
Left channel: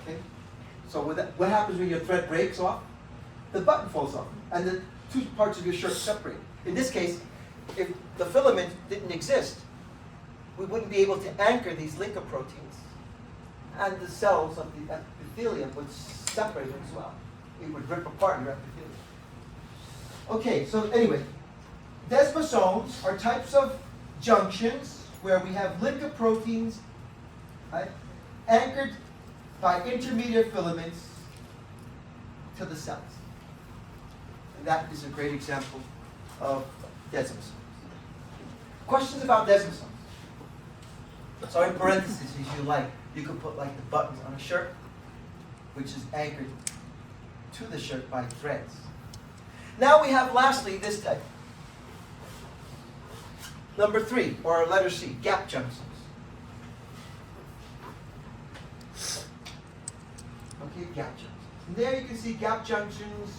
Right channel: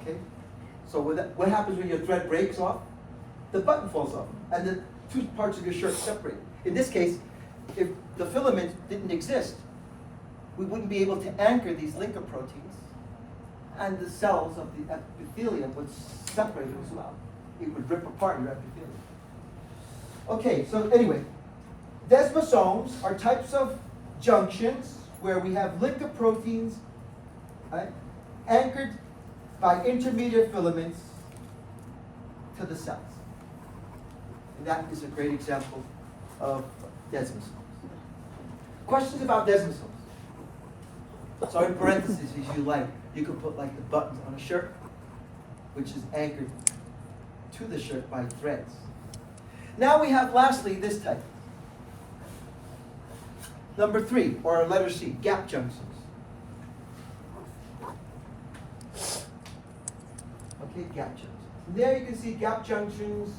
Okay? So what happens when your thread breaks off? The button falls off, and the two parts of your shirt separate. In this case, if the filament didn't exist, we wouldn't be able to anchor these linker proteins, and the cells of the epithelium would separate as well. It would rip apart your epithelium. Okay, so anyway, desmosomes are types of junctions where we have linker proteins, right, anchored by intermediate filaments to the cells. And that is a great example of desmosomes. Questions about desmosomes? So in parentheses, if you like, you could put like the buttons on a shirt, which is anchored to the shirt by threads. Now we have lastly this type. Number 3, or letter C, gap junctions. Okay, gap junctions. And there you can see gap junctions.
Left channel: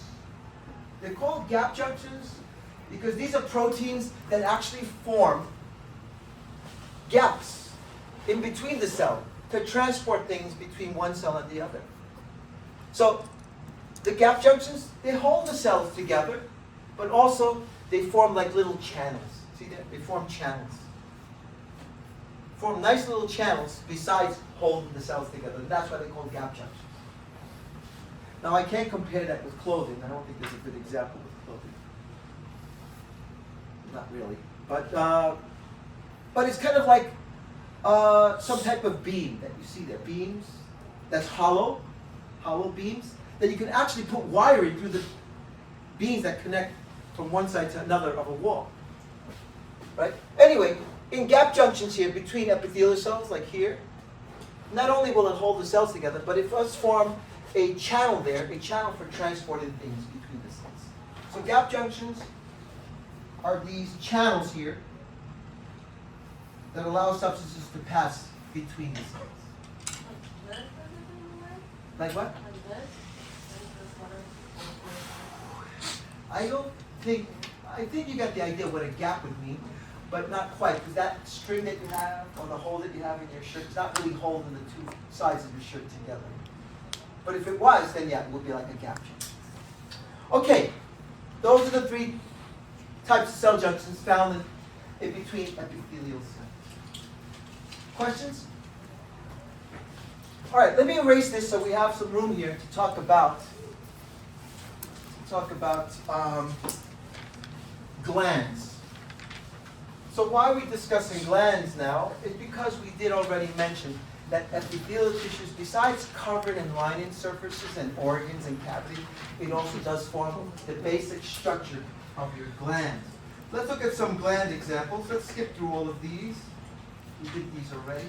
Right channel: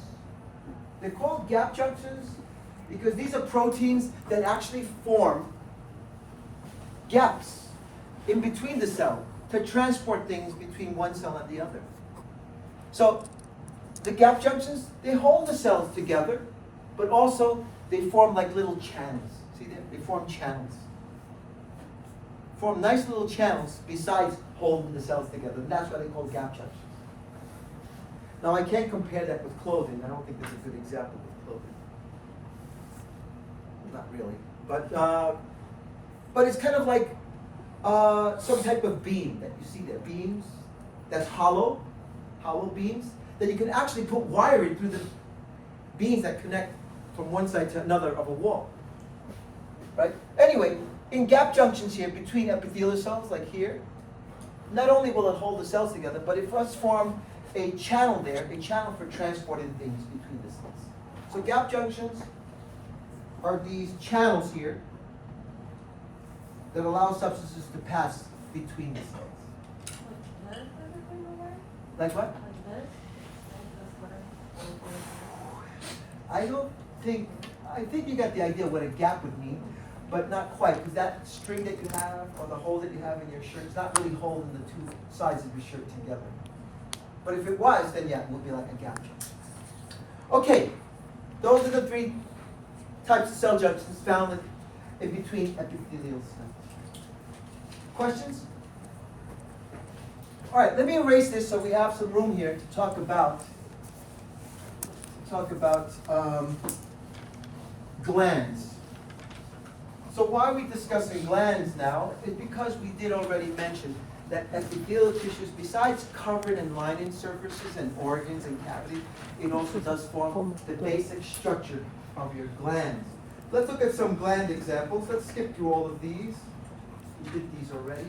They're called gap junctions because these are proteins that actually form gaps in between the cell to transport things between one cell and the other. So the gap junctions, they hold the cells together, but also they form like little channels. See, they form channels. Form nice little channels besides holding the cells together. And that's why they call gap junctions. Now I can't compare that with clothing. I don't think there's a good example with clothing. Not really. But it's kind of like some type of beam that you see there. Beams that's hollow beams that you can actually put wiring through the beams that connect from one side to another of a wall. Right? Anyway, in gap junctions here between epithelial cells, like here, not only will it hold the cells together, but it does form a channel there, a channel for transporting things between the cells. So gap junctions are these channels here that allow substances to pass between the cells. Like what? I think you got the idea what a gap would mean, but not quite, because that string that you have, or the hole that you have in your shirt, is not really holding the two sides of your shirt together. But if it was, then yeah, it would be like a gap junction. Okay, those are the 3 types of cell junctions found in between epithelial cells. Questions? All right, let me erase this so we have some room here to talk about glands. So why are we discussing glands now? It's because we did already mention that epithelial tissues, besides covering and lining surfaces and organs and cavities, it also does form the basic structure of your glands. Let's look at some gland examples. Let's skip through all of these. We did these already.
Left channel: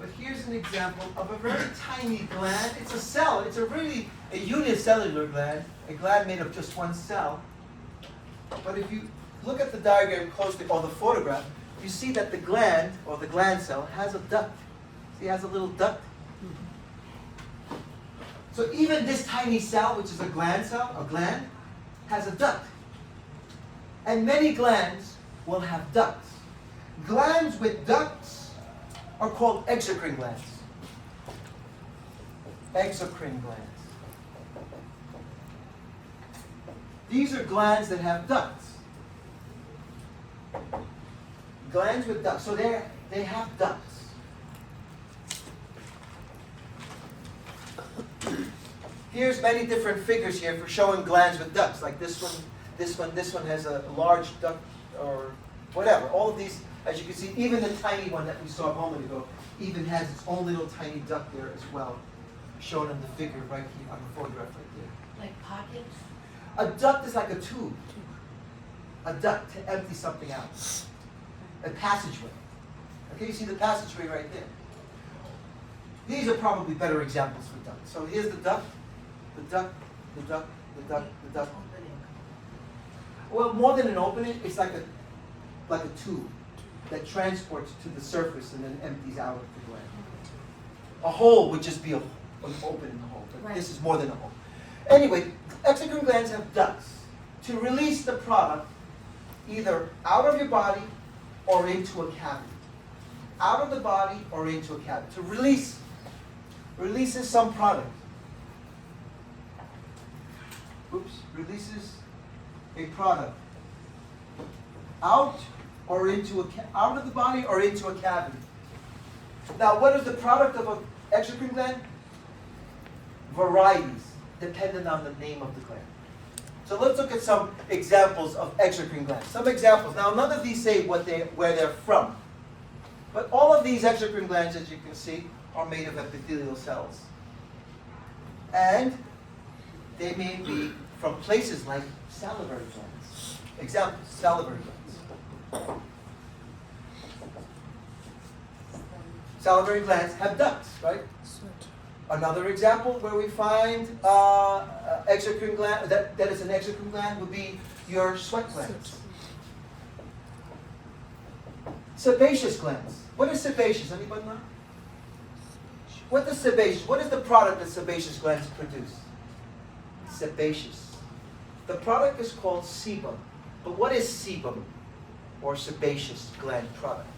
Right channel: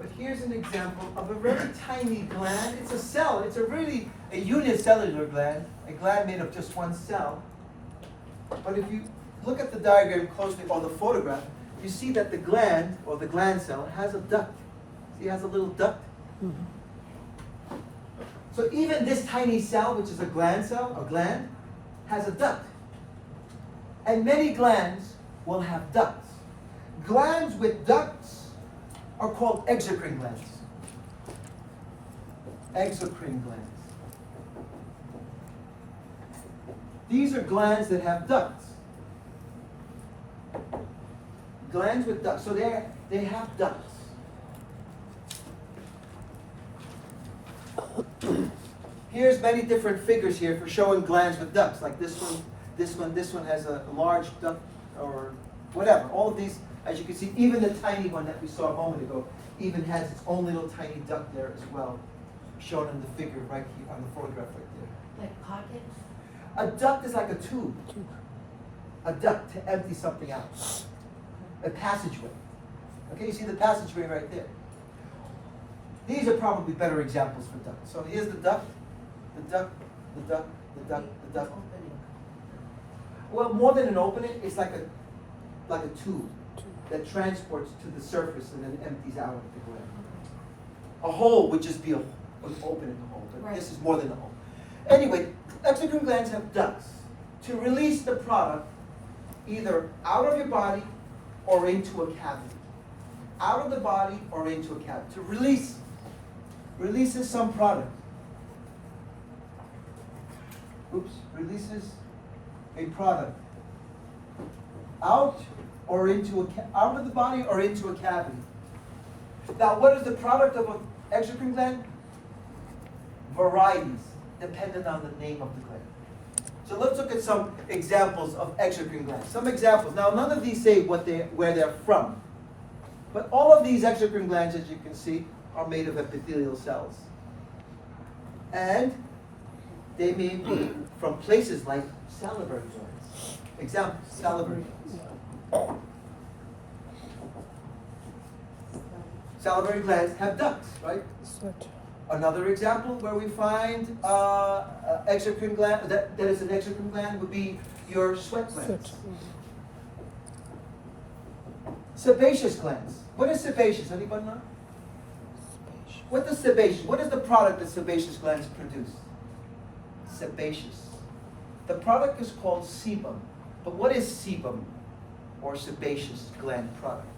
But here's an example of a very tiny gland. It's a cell. It's a unicellular gland, a gland made of just one cell. But if you look at the diagram closely, or the photograph, you see that the gland, or the gland cell, has a duct. See, it has a little duct. So even this tiny cell, which is a gland cell, a gland, has a duct. And many glands will have ducts. Glands with ducts are called exocrine glands. Exocrine glands. These are glands that have ducts. Glands with ducts. So they have ducts. Here's many different figures here for showing glands with ducts, like this one has a large duct, or whatever. All of these, as you can see, even the tiny one that we saw a moment ago, even has its own little tiny duct there as well. shown in the figure right here on the photograph right there. Like pockets? A duct is like a tube. A duct to empty something out. A passageway. Okay, you see the passageway right there. These are probably better examples for duct. So here's the duct, the duct, the duct, the duct, the duct. Well, more than an opening, it's like a tube that transports to the surface and then empties out of the gland. A hole would just be an opening in the hole, but Right. this is more than a hole. Anyway, exocrine glands have ducts to release the product either out of your body or into a cavity. Out of the body or into a cavity. To releases some product. Releases a product out or into out of the body or into a cavity. Now, what is the product of an exocrine gland? Varieties, dependent on the name of the gland. So let's look at some examples of exocrine glands. Some examples. Now, none of these say where they're from, but all of these exocrine glands, as you can see, are made of epithelial cells, and they may be from places like salivary glands. Examples: salivary glands. Salivary glands have ducts, right? Another example where we find exocrine gland, that is an exocrine gland, would be your sweat glands. Sebaceous glands. What is sebaceous? Anybody know? What is sebaceous? What is the product that sebaceous glands produce? Sebaceous. The product is called sebum. But what is sebum or sebaceous gland product?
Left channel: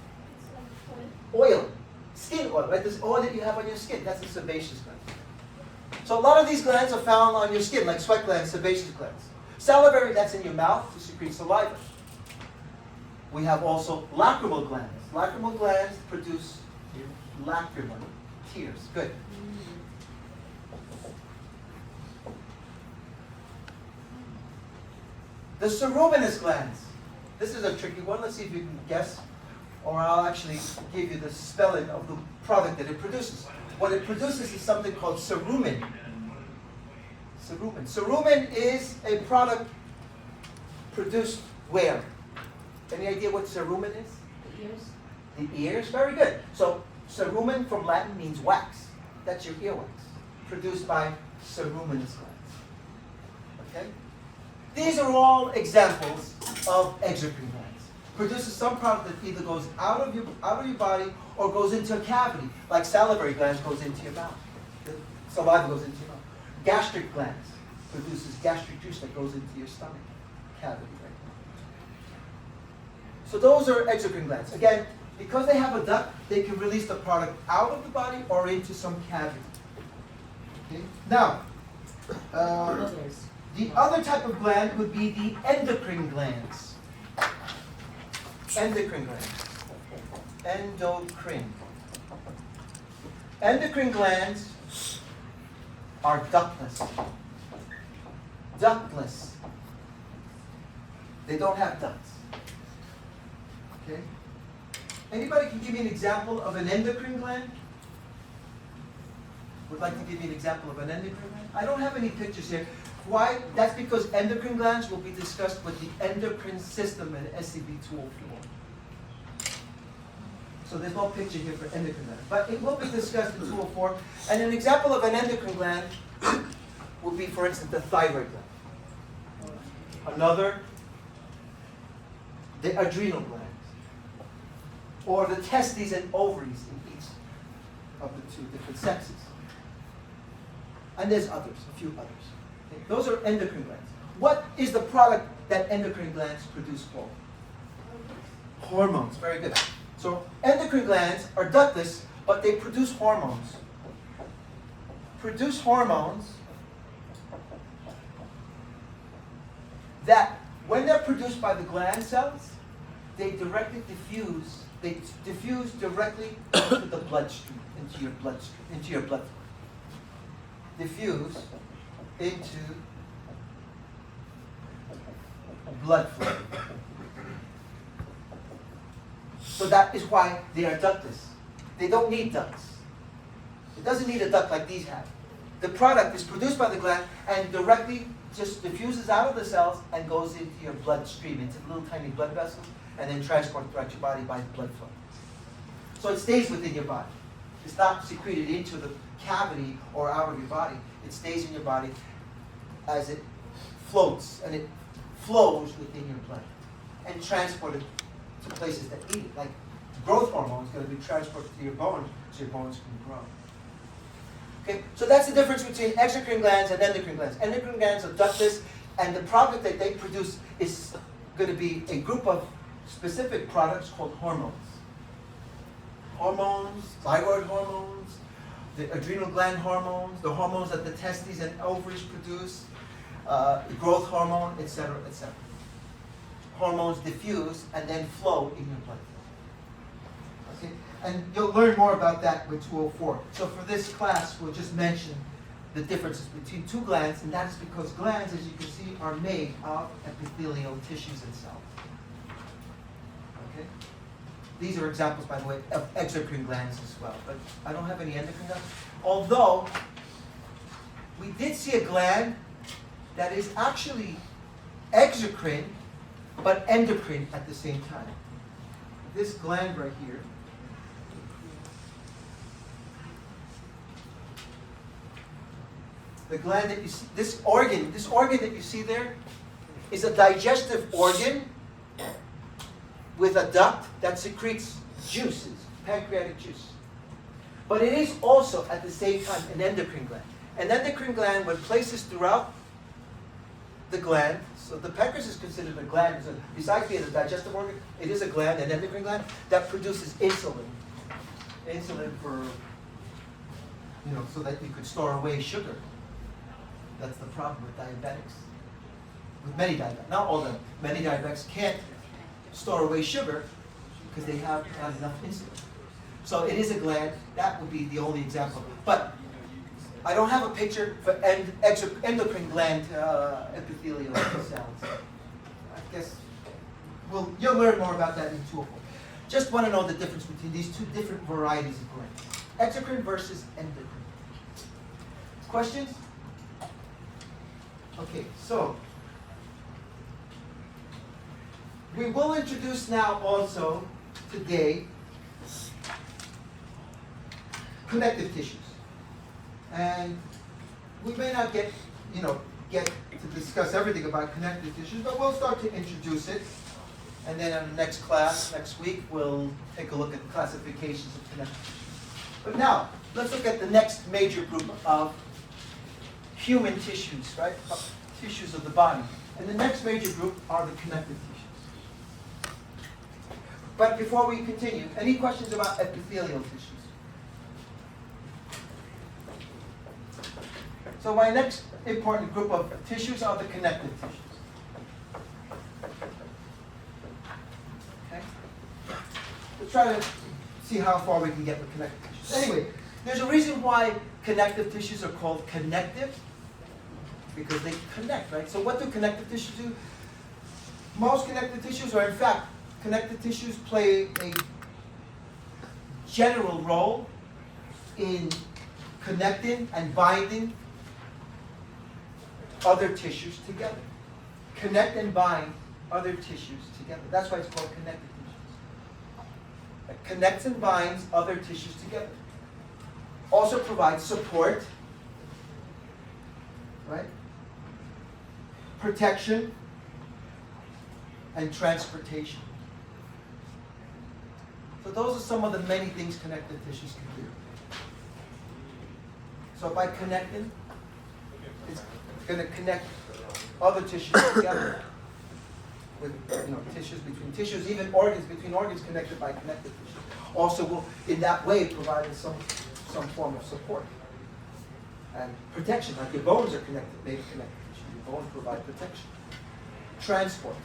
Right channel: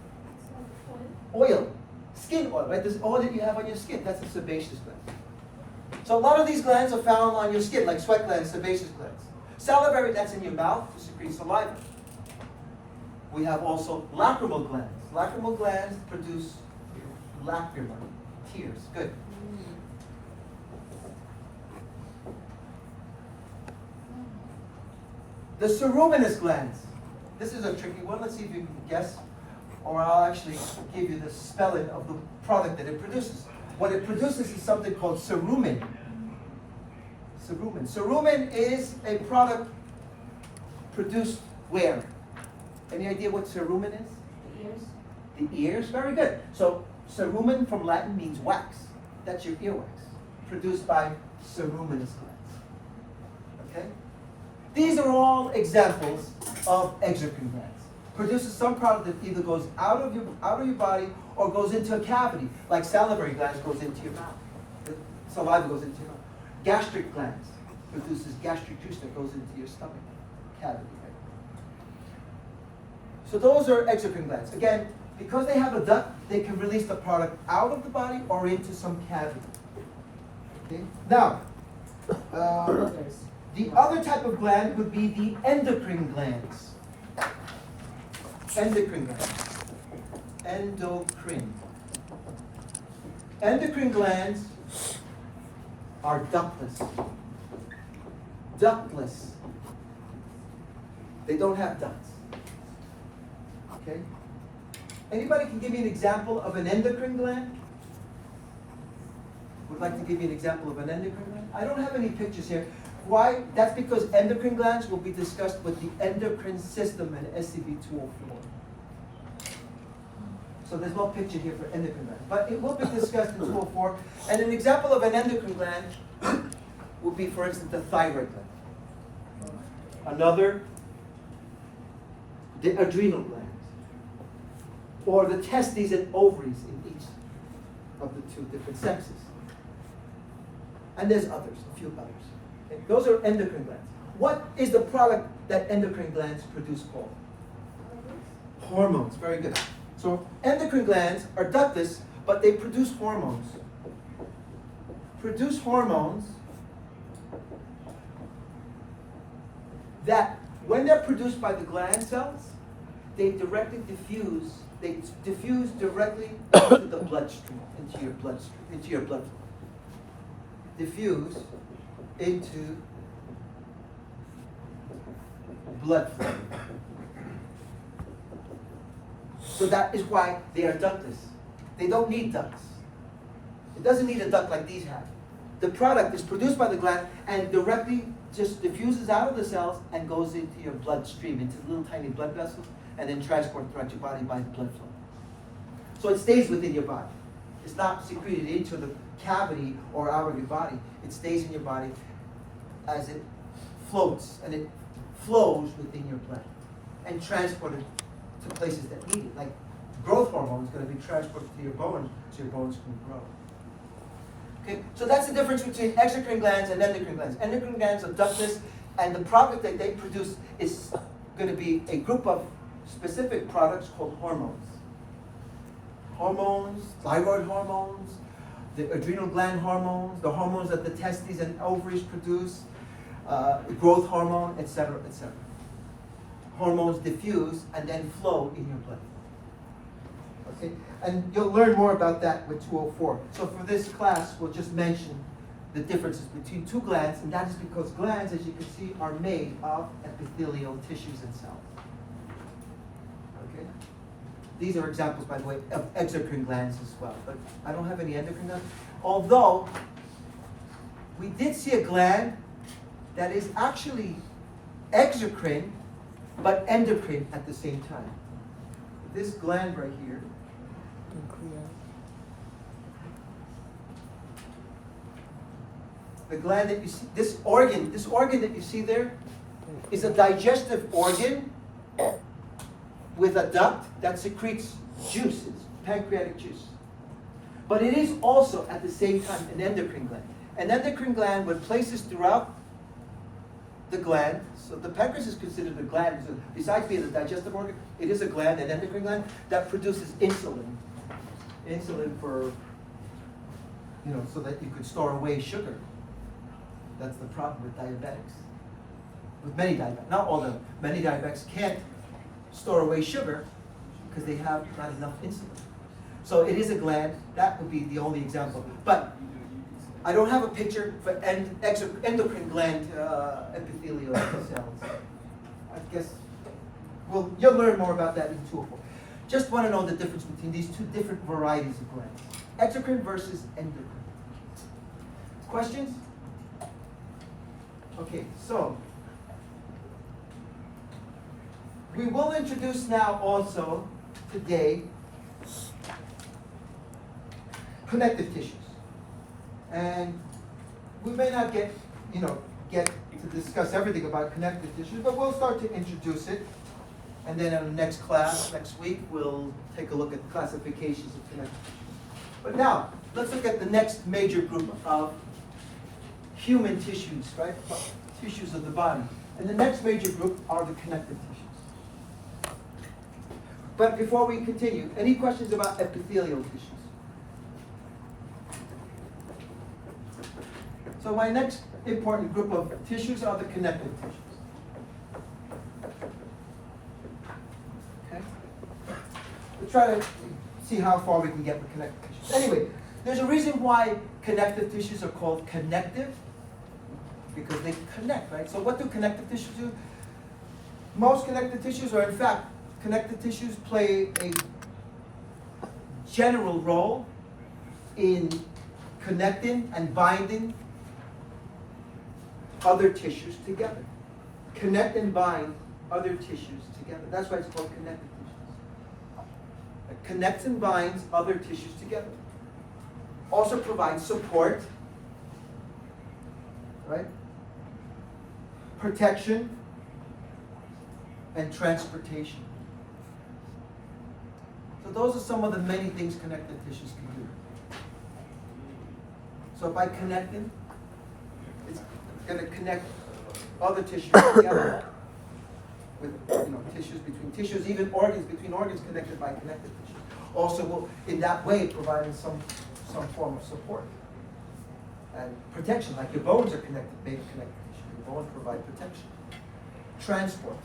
It's like Oil. Skin oil, right? This oil that you have on your skin, that's a sebaceous gland. So a lot of these glands are found on your skin, like sweat glands, sebaceous glands. Salivary, that's in your mouth to secrete saliva. We have also lacrimal glands. Lacrimal glands produce lacrima, tears. Good. The ceruminous glands. This is a tricky one. Let's see if you can guess. Or I'll actually give you the spelling of the product that it produces. What it produces is something called cerumen. Cerumen. Cerumen is a product produced where? Any idea what cerumen is? The ears? The ears? Very good. So cerumen from Latin means wax. That's your earwax. Produced by ceruminous glands. Okay? These are all examples of exocrine glands. Produces some product that either goes out of your body or goes into a cavity, like salivary glands goes into your mouth. The saliva goes into your mouth. Gastric glands produces gastric juice that goes into your stomach cavity, right? So those are exocrine glands. Again, because they have a duct, they can release the product out of the body or into some cavity. Okay? Now, the other type of gland would be the endocrine glands. Endocrine glands. Endocrine. Endocrine glands are ductless. Ductless. They don't have ducts. Okay? Anybody can give me an example of an endocrine gland? Would like to give you an example of an endocrine gland? I don't have any pictures here. Why? That's because endocrine glands will be discussed with the endocrine system in SCB 204. So there's no picture here for endocrine gland. But it will be discussed in 204. And an example of an endocrine gland would be, for instance, the thyroid gland. Another, the adrenal glands. Or the testes and ovaries in each of the two different sexes. And there's others, a few others. Okay? Those are endocrine glands. What is the product that endocrine glands produce for? Hormones. Very good. So endocrine glands are ductless, but they produce hormones. Produce hormones that, when they're produced by the gland cells, they directly diffuse. They diffuse directly into the bloodstream, into your bloodstream, into your blood. Diffuse into blood flow. So that is why they are ductless. They don't need ducts. It doesn't need a duct like these have. the product is produced by the gland and directly just diffuses out of the cells and goes into your bloodstream, into little tiny blood vessels, and then transported throughout your body by blood flow. So it stays within your body. It's not secreted into the cavity or out of your body. It stays in your body as it floats, and it flows within your blood and transported to places that need it. Like growth hormone is going to be transported to your bones so your bones can grow. Okay, so that's the difference between exocrine glands and endocrine glands. Endocrine glands are ductless, and the product that they produce is going to be a group of specific products called hormones. Hormones, thyroid hormones, the adrenal gland hormones, the hormones that the testes and ovaries produce, growth hormone, etc., etc. Hormones diffuse and then flow in your blood. Okay, and you'll learn more about that with 204. So for this class, we'll just mention the differences between two glands, and that is because glands, as you can see, are made of epithelial tissues and cells. Okay? These are examples, by the way, of exocrine glands as well, but I don't have any endocrine glands. Although, we did see a gland that is actually exocrine, but endocrine at the same time. This gland right here, the gland that you see, this organ that you see there is a digestive organ with a duct that secretes juices, pancreatic juice. But it is also at the same time an endocrine gland. An endocrine gland with places throughout the gland, so the pancreas is considered a gland, so besides being a digestive organ, it is a gland, an endocrine gland, that produces insulin. Insulin for, so that you could store away sugar. That's the problem with diabetics. With many diabetics, not all of them, many diabetics can't store away sugar because they have not enough insulin. So it is a gland, that would be the only example. But I don't have a picture for endocrine gland epithelial cells. I guess you'll learn more about that in 204. Just want to know the difference between these two different varieties of glands. Exocrine versus endocrine. Questions? Okay, so we will introduce now also today connective tissues. And we may not get to discuss everything about connective tissues, but we'll start to introduce it. And then in the next class, next week, we'll take a look at the classifications of connective tissues. But now, let's look at the next major group of human tissues, right? Tissues of the body. And the next major group are the connective tissues. But before we continue, any questions about epithelial tissues? So my next important group of tissues are the connective tissues. Okay? Let's try to see how far we can get with connective tissues. Anyway, there's a reason why connective tissues are called connective, because they connect, right? So what do connective tissues do? Most connective tissues, or in fact, connective tissues play a general role in connecting and binding other tissues together. Connect and bind other tissues together. That's why it's called connective tissues. It connects and binds other tissues together. Also provides support, right? Protection and transportation. So those are some of the many things connective tissues can do. So by connecting, it's going to connect other tissues together with tissues between tissues, even organs between organs connected by connective tissues. Also will, in that way, providing some form of support and protection, like your bones are connected, made of connective tissue. Your bones provide protection. Transport.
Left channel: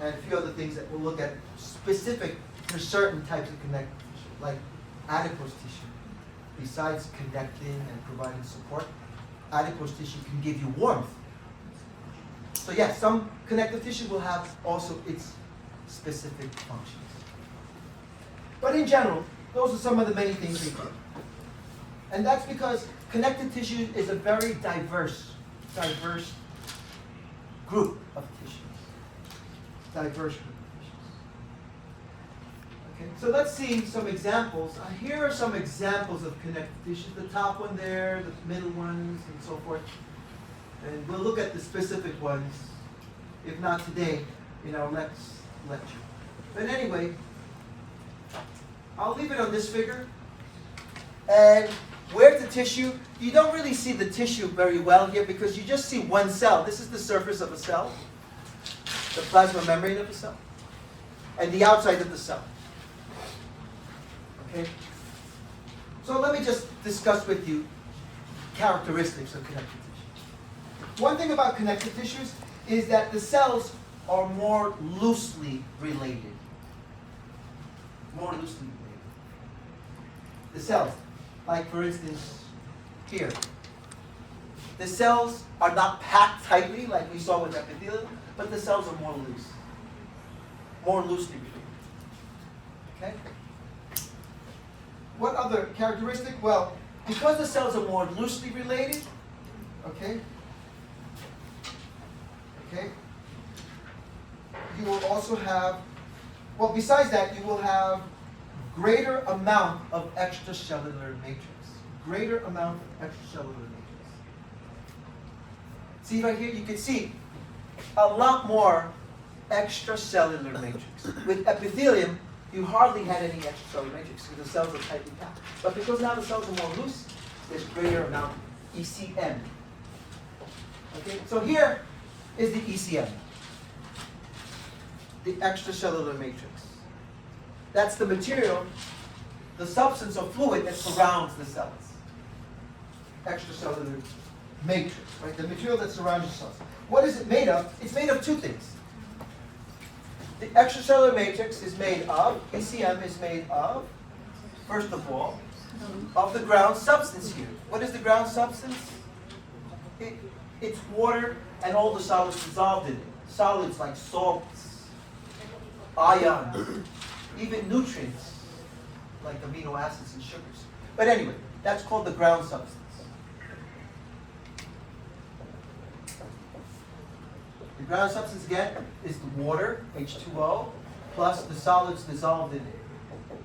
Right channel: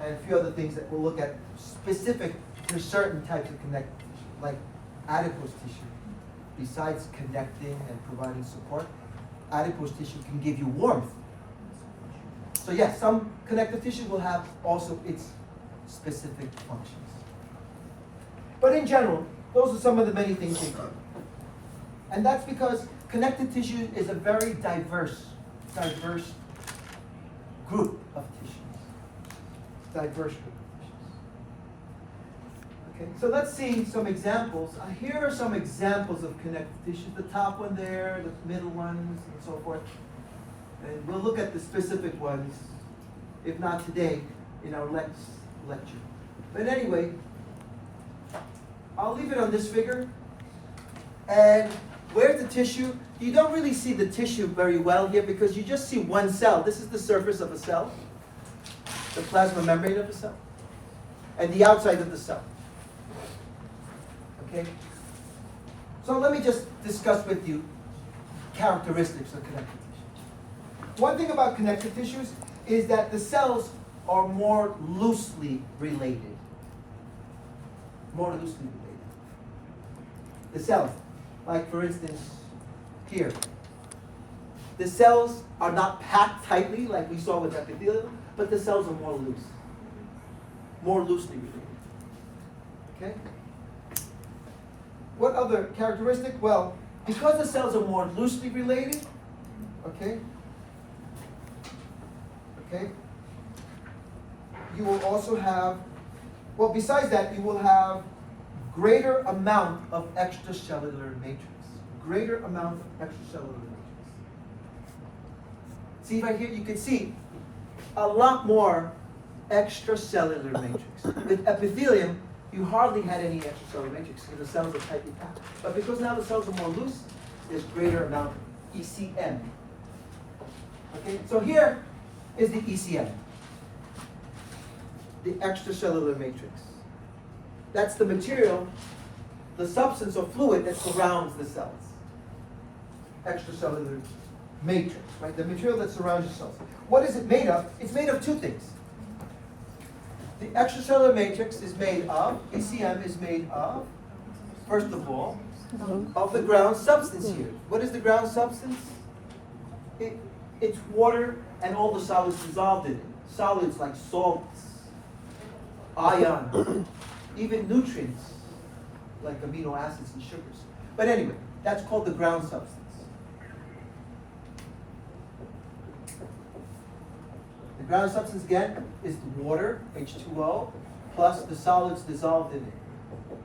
And a few other things that we'll look at specific to certain types of connective tissue, like adipose tissue. Besides connecting and providing support, adipose tissue can give you warmth. So yes, some connective tissue will have also its specific functions. But in general, those are some of the many things they do. And that's because connective tissue is a very diverse group of tissues. Diverse group of tissues. Okay, so let's see some examples. Here are some examples of connective tissues. The top one there, the middle ones, and so forth. And we'll look at the specific ones, if not today, in our next lecture. But anyway, I'll leave it on this figure. And where's the tissue? You don't really see the tissue very well here because you just see one cell. This is the surface of a cell, the plasma membrane of a cell, and the outside of the cell. Okay? So let me just discuss with you characteristics of connective tissues. One thing about connective tissues is that the cells are more loosely related. More loosely related. The cells, like for instance, here. The cells are not packed tightly like we saw with epithelium, but the cells are more loose. More loosely related. Okay? What other characteristic? Well, because the cells are more loosely related, okay, you will also have, well, besides that, you will have greater amount of extracellular matrix. Greater amount of extracellular matrix. See right here, you can see a lot more extracellular matrix. With epithelium, you hardly had any extracellular matrix because the cells are tightly packed. But because now the cells are more loose, there's greater amount of ECM. Okay, so here is the ECM, the extracellular matrix. That's the material, the substance or fluid that surrounds the cells. Extracellular matrix, right? The material that surrounds your cells. What is it made of? It's made of two things. The extracellular matrix is made of, ECM is made of, first of all, of the ground substance here. What is the ground substance? It's water and all the solids dissolved in it. Solids like salts, ions, even nutrients like amino acids and sugars. But anyway, that's called the ground substance. The ground substance, again, is the water, H2O, plus the solids dissolved in it.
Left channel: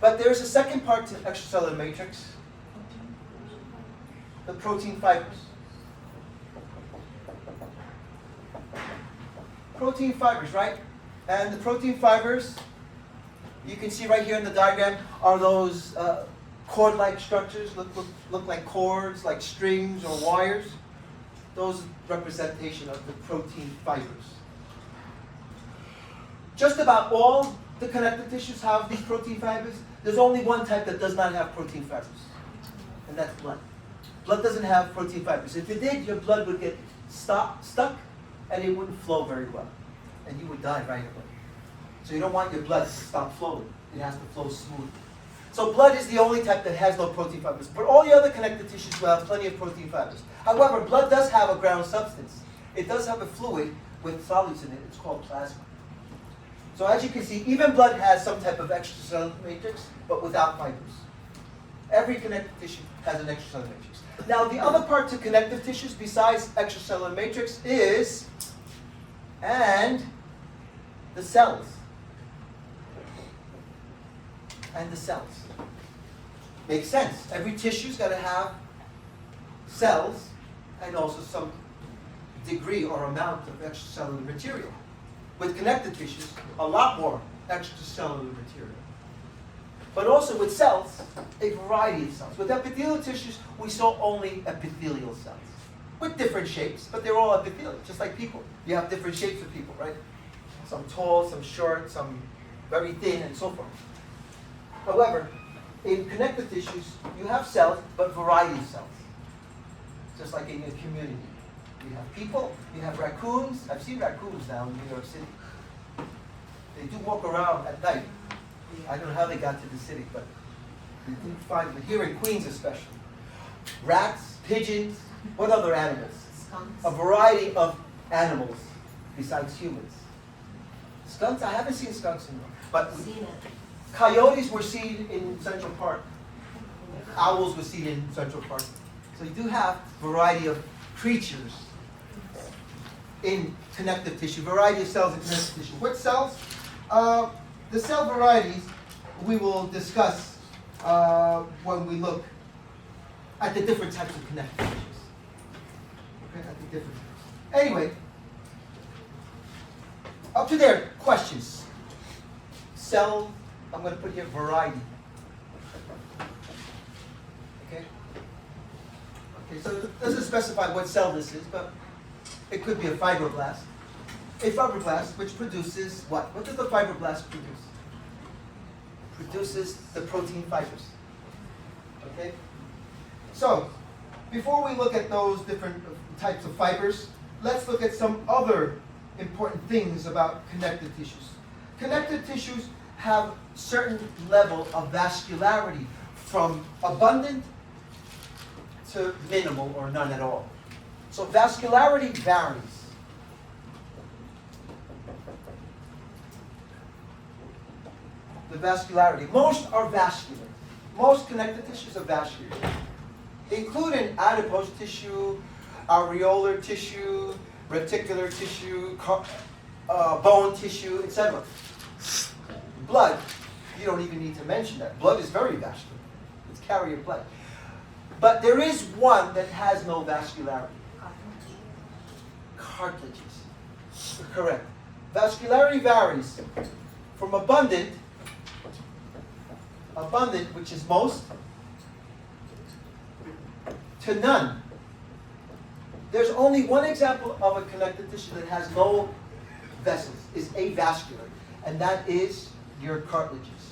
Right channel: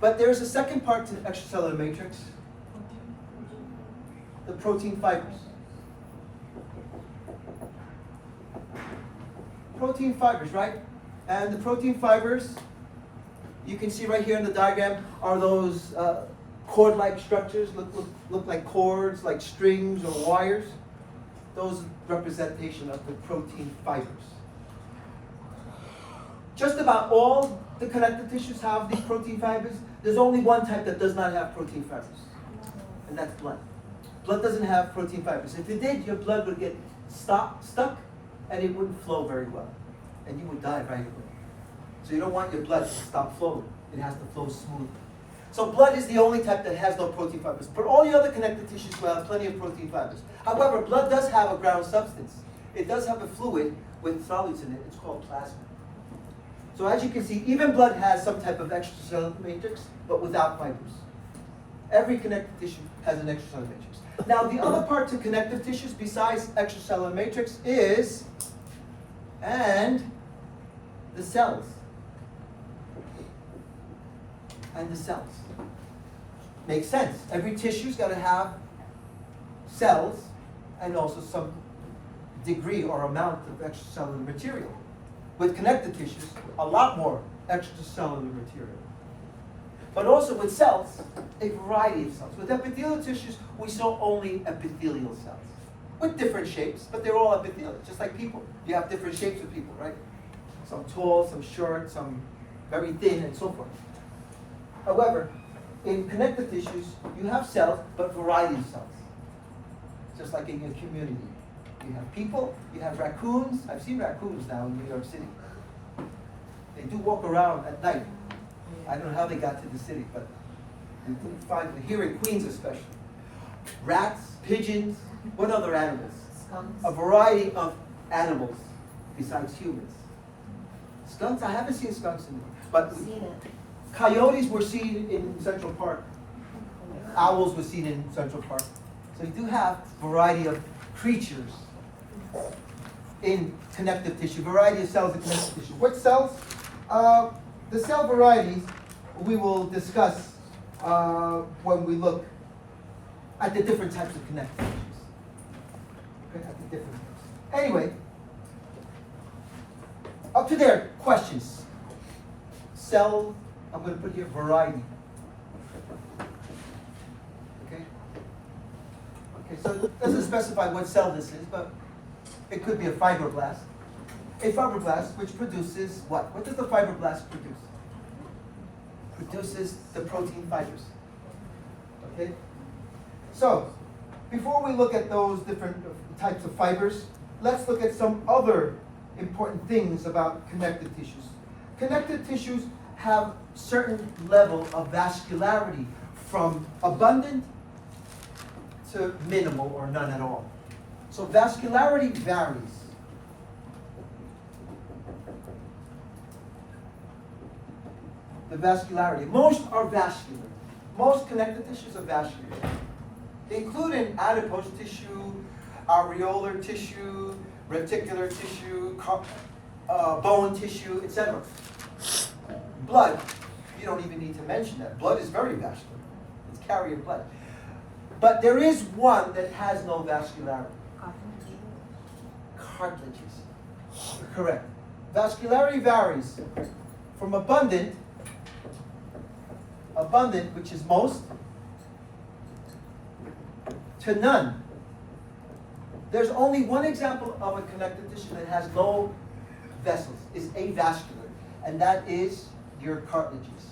But there's a second part to the extracellular matrix, the protein fibers. Protein fibers, right? And the protein fibers, you can see right here in the diagram, are those cord-like structures, look like cords, like strings or wires. Those representation of the protein fibers. Just about all the connective tissues have these protein fibers. There's only one type that does not have protein fibers, and that's blood. Blood doesn't have protein fibers. If it did, your blood would get stuck, and it wouldn't flow very well, and you would die right away. So you don't want your blood to stop flowing. It has to flow smoothly. So blood is the only type that has no protein fibers. But all the other connective tissues will have plenty of protein fibers. However, blood does have a ground substance. It does have a fluid with solids in it. It's called plasma. So as you can see, even blood has some type of extracellular matrix, but without fibers. Every connective tissue has an extracellular matrix. Now, the other part to connective tissues besides extracellular matrix is, and the cells. And the cells. Makes sense. Every tissue's got to have cells and also some degree or amount of extracellular material. With connective tissues, a lot more extracellular material. But also with cells, a variety of cells. With epithelial tissues, we saw only epithelial cells. With different shapes, but they're all epithelial, just like people. You have different shapes of people, right? Some tall, some short, some very thin, and so forth. However, in connective tissues, you have cells, but variety of cells. Just like in your community. You have people, you have raccoons. I've seen raccoons now in New York City. They do walk around at night. I don't know how they got to the city, but we can find them here in Queens especially. Rats, pigeons, what other animals? Skunks. A variety of animals besides humans. Skunks, I haven't seen skunks in, but coyotes were seen in Central Park. owls were seen in Central Park. So you do have variety of creatures in connective tissue, variety of cells in connective tissue. What cells? The cell varieties we will discuss when we look at the different types of connective tissues. Okay, at the different types. Anyway, up to there, questions. Cell, I'm going to put here variety. Okay? Okay, so it doesn't specify what cell this is, but it could be a fibroblast. A fibroblast which produces what? What does the fibroblast produce? Produces the protein fibers. Okay? So, before we look at those different types of fibers, let's look at some other important things about connective tissues. Connective tissues have certain level of vascularity from abundant to minimal or none at all. So vascularity varies. The vascularity. Most are vascular. Most connective tissues are vascular, including adipose tissue, areolar tissue, reticular tissue, bone tissue, etc. Blood, you don't even need to mention that. Blood is very vascular. It's carrier blood. But there is one that has no vascularity. Cartilages. Correct. Vascularity varies from abundant, which is most, to none. There's only one example of a connective tissue that has no vessels, is avascular, and that is your cartilages.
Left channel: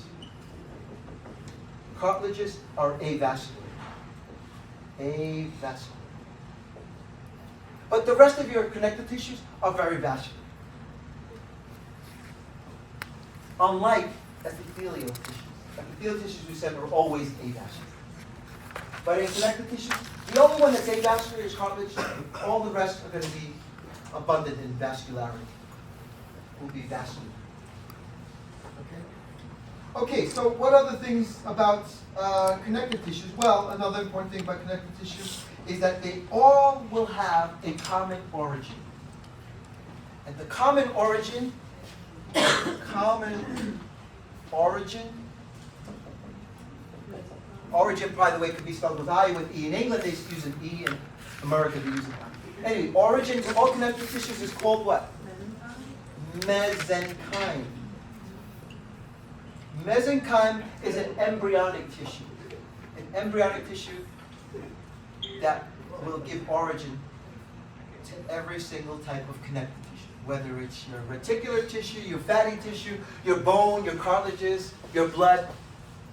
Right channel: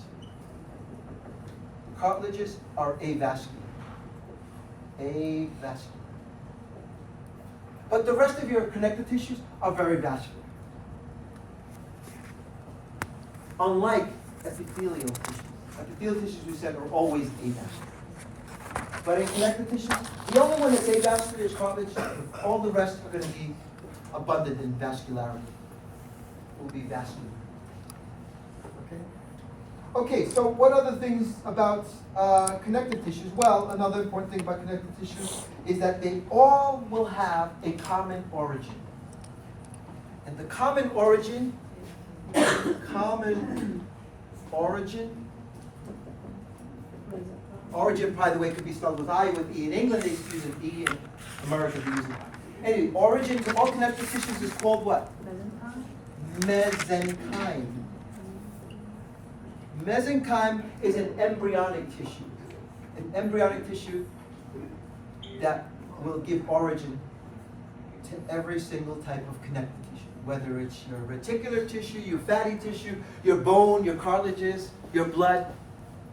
Cartilages are avascular. Avascular. But the rest of your connective tissues are very vascular. Unlike epithelial tissues. Epithelial tissues, we said, are always avascular. But in connective tissues, the only one that's avascular is cartilage. All the rest are going to be abundant in vascularity. It will be vascular. Okay, so what other things about connective tissues? Well, another important thing about connective tissues is that they all will have a common origin. And the common origin, origin, by the way, could be spelled with I, with E. In England, they use an E. In America, they use an I. Anyway, origin to all connective tissues is called what? Mesenchyme. Mesenchyme is an embryonic tissue. An embryonic tissue that will give origin to every single type of connective tissue, whether it's your reticular tissue, your fatty tissue, your bone, your cartilages, your blood,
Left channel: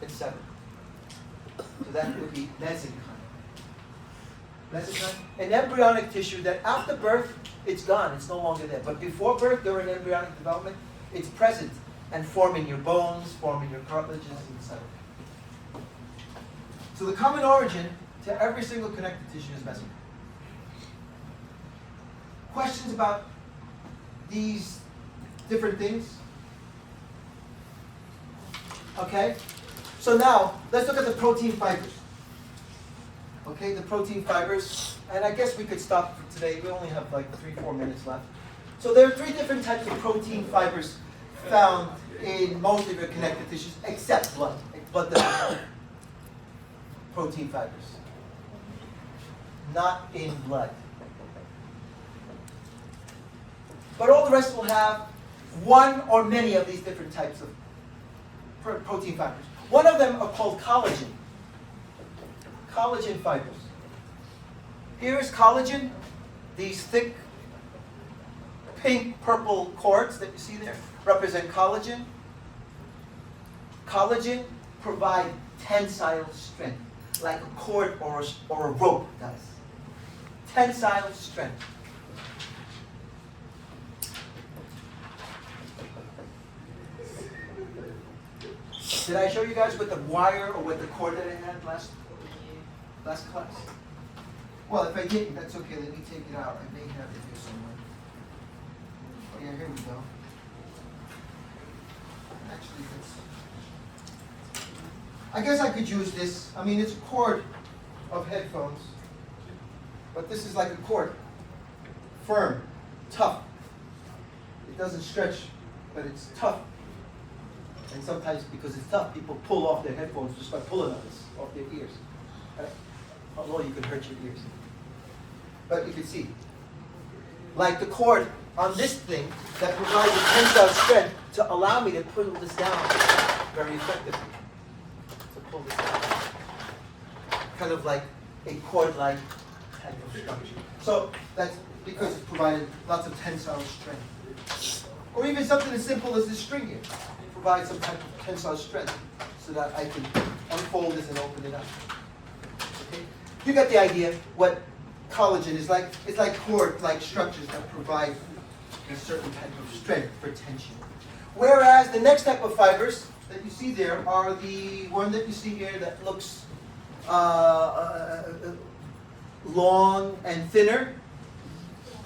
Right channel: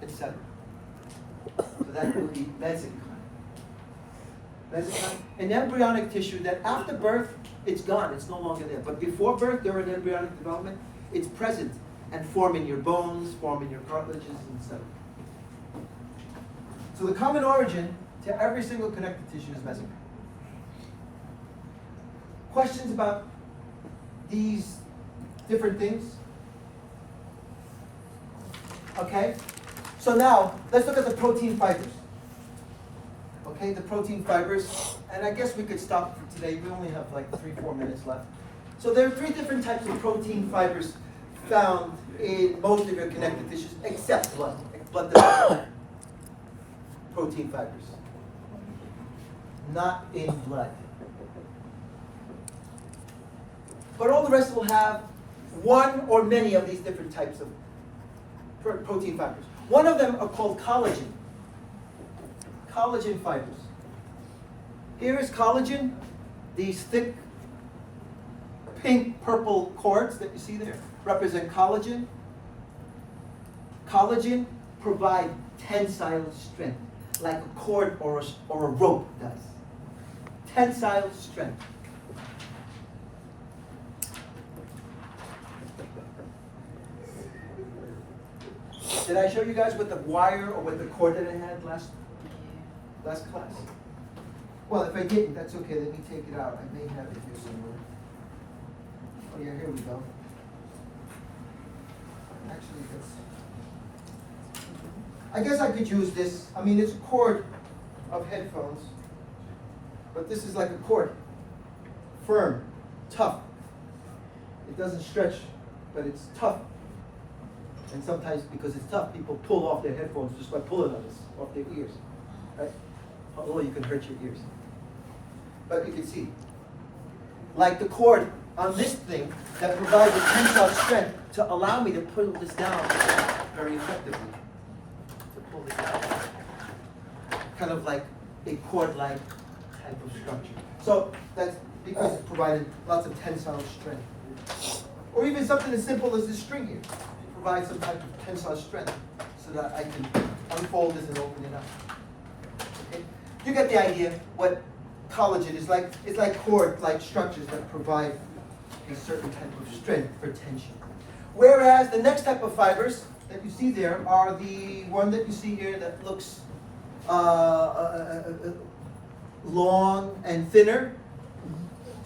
etc. So that would be mesenchyme. Mesenchyme, an embryonic tissue that after birth, it's gone, it's no longer there. But before birth, during embryonic development, it's present and forming your bones, forming your cartilages, etc. So the common origin to every single connective tissue is mesenchyme. Questions about these different things? Okay? So now, let's look at the protein fibers. Okay, the protein fibers. And I guess we could stop for today. We only have like 3-4 minutes left. So there are 3 different types of protein fibers found in most of your connective tissues, except blood. Blood doesn't have protein fibers. Not in blood. But all the rest will have one or many of these different types of protein fibers. One of them are called collagen. Collagen fibers. Here is collagen, these thick pink purple cords that you see there represent collagen. Collagen provide tensile strength, like a cord or a rope does. Tensile strength. Did I show you guys with the wire or with the cord that I had last class? Well, if I didn't, that's okay. Let me take it out. I may have it here somewhere. Oh yeah, here we go. Actually, I guess I could use this. I mean, it's a cord of headphones, but this is like a cord. Firm, tough. It doesn't stretch, but it's tough. And sometimes because it's tough, people pull off their headphones just by pulling on this, off their ears. Right? Although you can hurt your ears. But you can see. Like the cord on this thing that provides a tensile strength to allow me to pull this down very effectively. To pull this down. Kind of like a cord-like type of structure. So that's because it's provided lots of tensile strength. Or even something as simple as this string here. It provides some type of tensile strength so that I can unfold this and open it up. Okay? You get the idea what collagen is like. It's like cord-like structures that provide a certain type of strength for tension. Whereas the next type of fibers that you see there are the one that you see here that looks long and thinner,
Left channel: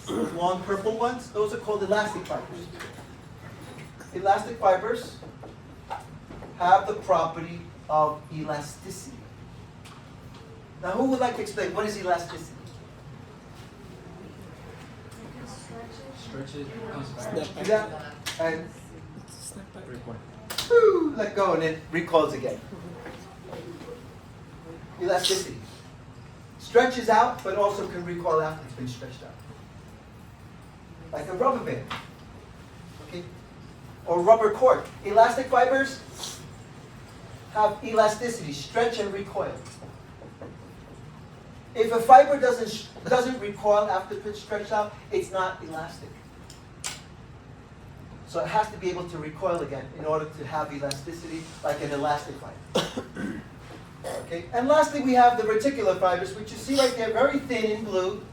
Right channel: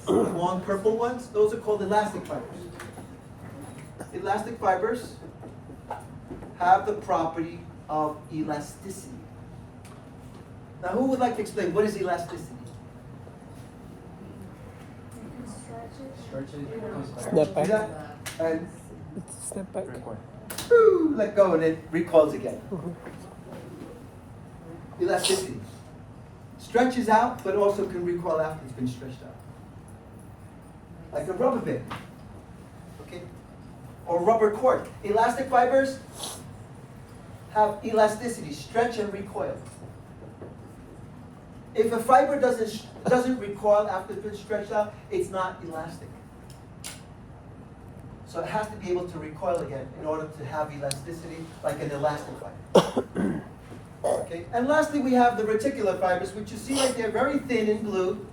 long purple ones. Those are called elastic fibers. Elastic fibers have the property of elasticity. Now, who would like to explain what is elasticity? Stretch it, comes back. Snap back. Yeah. And Snap back. woo, let go and it recoils again. Elasticity. Stretches out, but also can recoil after it's been stretched out. Like a rubber band. Okay? Or rubber cord. Elastic fibers have elasticity, stretch and recoil. If a fiber doesn't recoil after it's been stretched out, it's not elastic. So it has to be able to recoil again in order to have elasticity like an elastic fiber. Okay? And lastly, we have the reticular fibers, which you see right there, very thin in blue.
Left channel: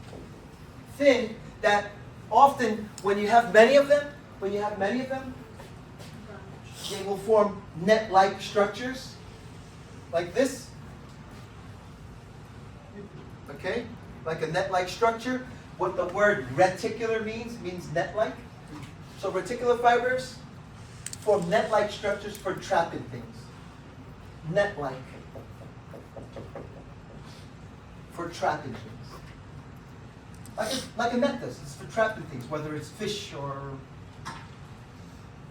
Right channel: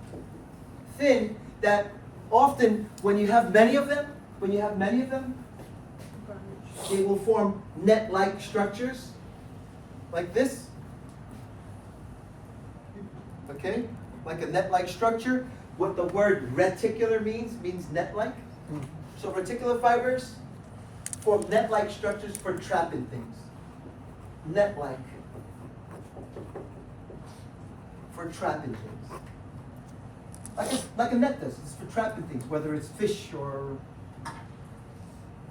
Thin, that often when you have many of them, they will form net-like structures, like this. Okay? Like a net-like structure. What the word reticular means net-like. So reticular fibers form net-like structures for trapping things. Net-like. For trapping things. Like a net does. It's for trapping things, whether it's fish or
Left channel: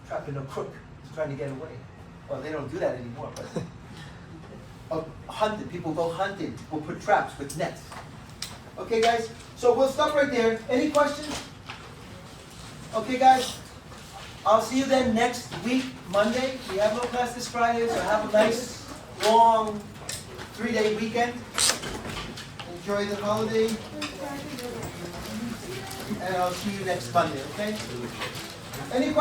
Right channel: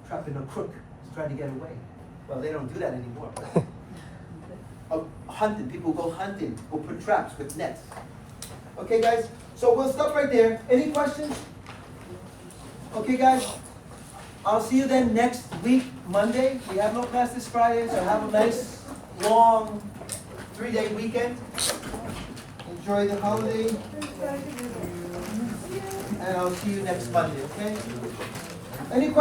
trapping a crook who's trying to get away. Well, they don't do that anymore. But hunting, people go hunting, will put traps with nets. Okay, guys? So we'll stop right there. Any questions? Okay, guys? I'll see you then next week, Monday. We have no class this Friday, so have a nice, long, 3-day weekend. Enjoy the holiday. And I'll see you next Monday, okay? Any questions?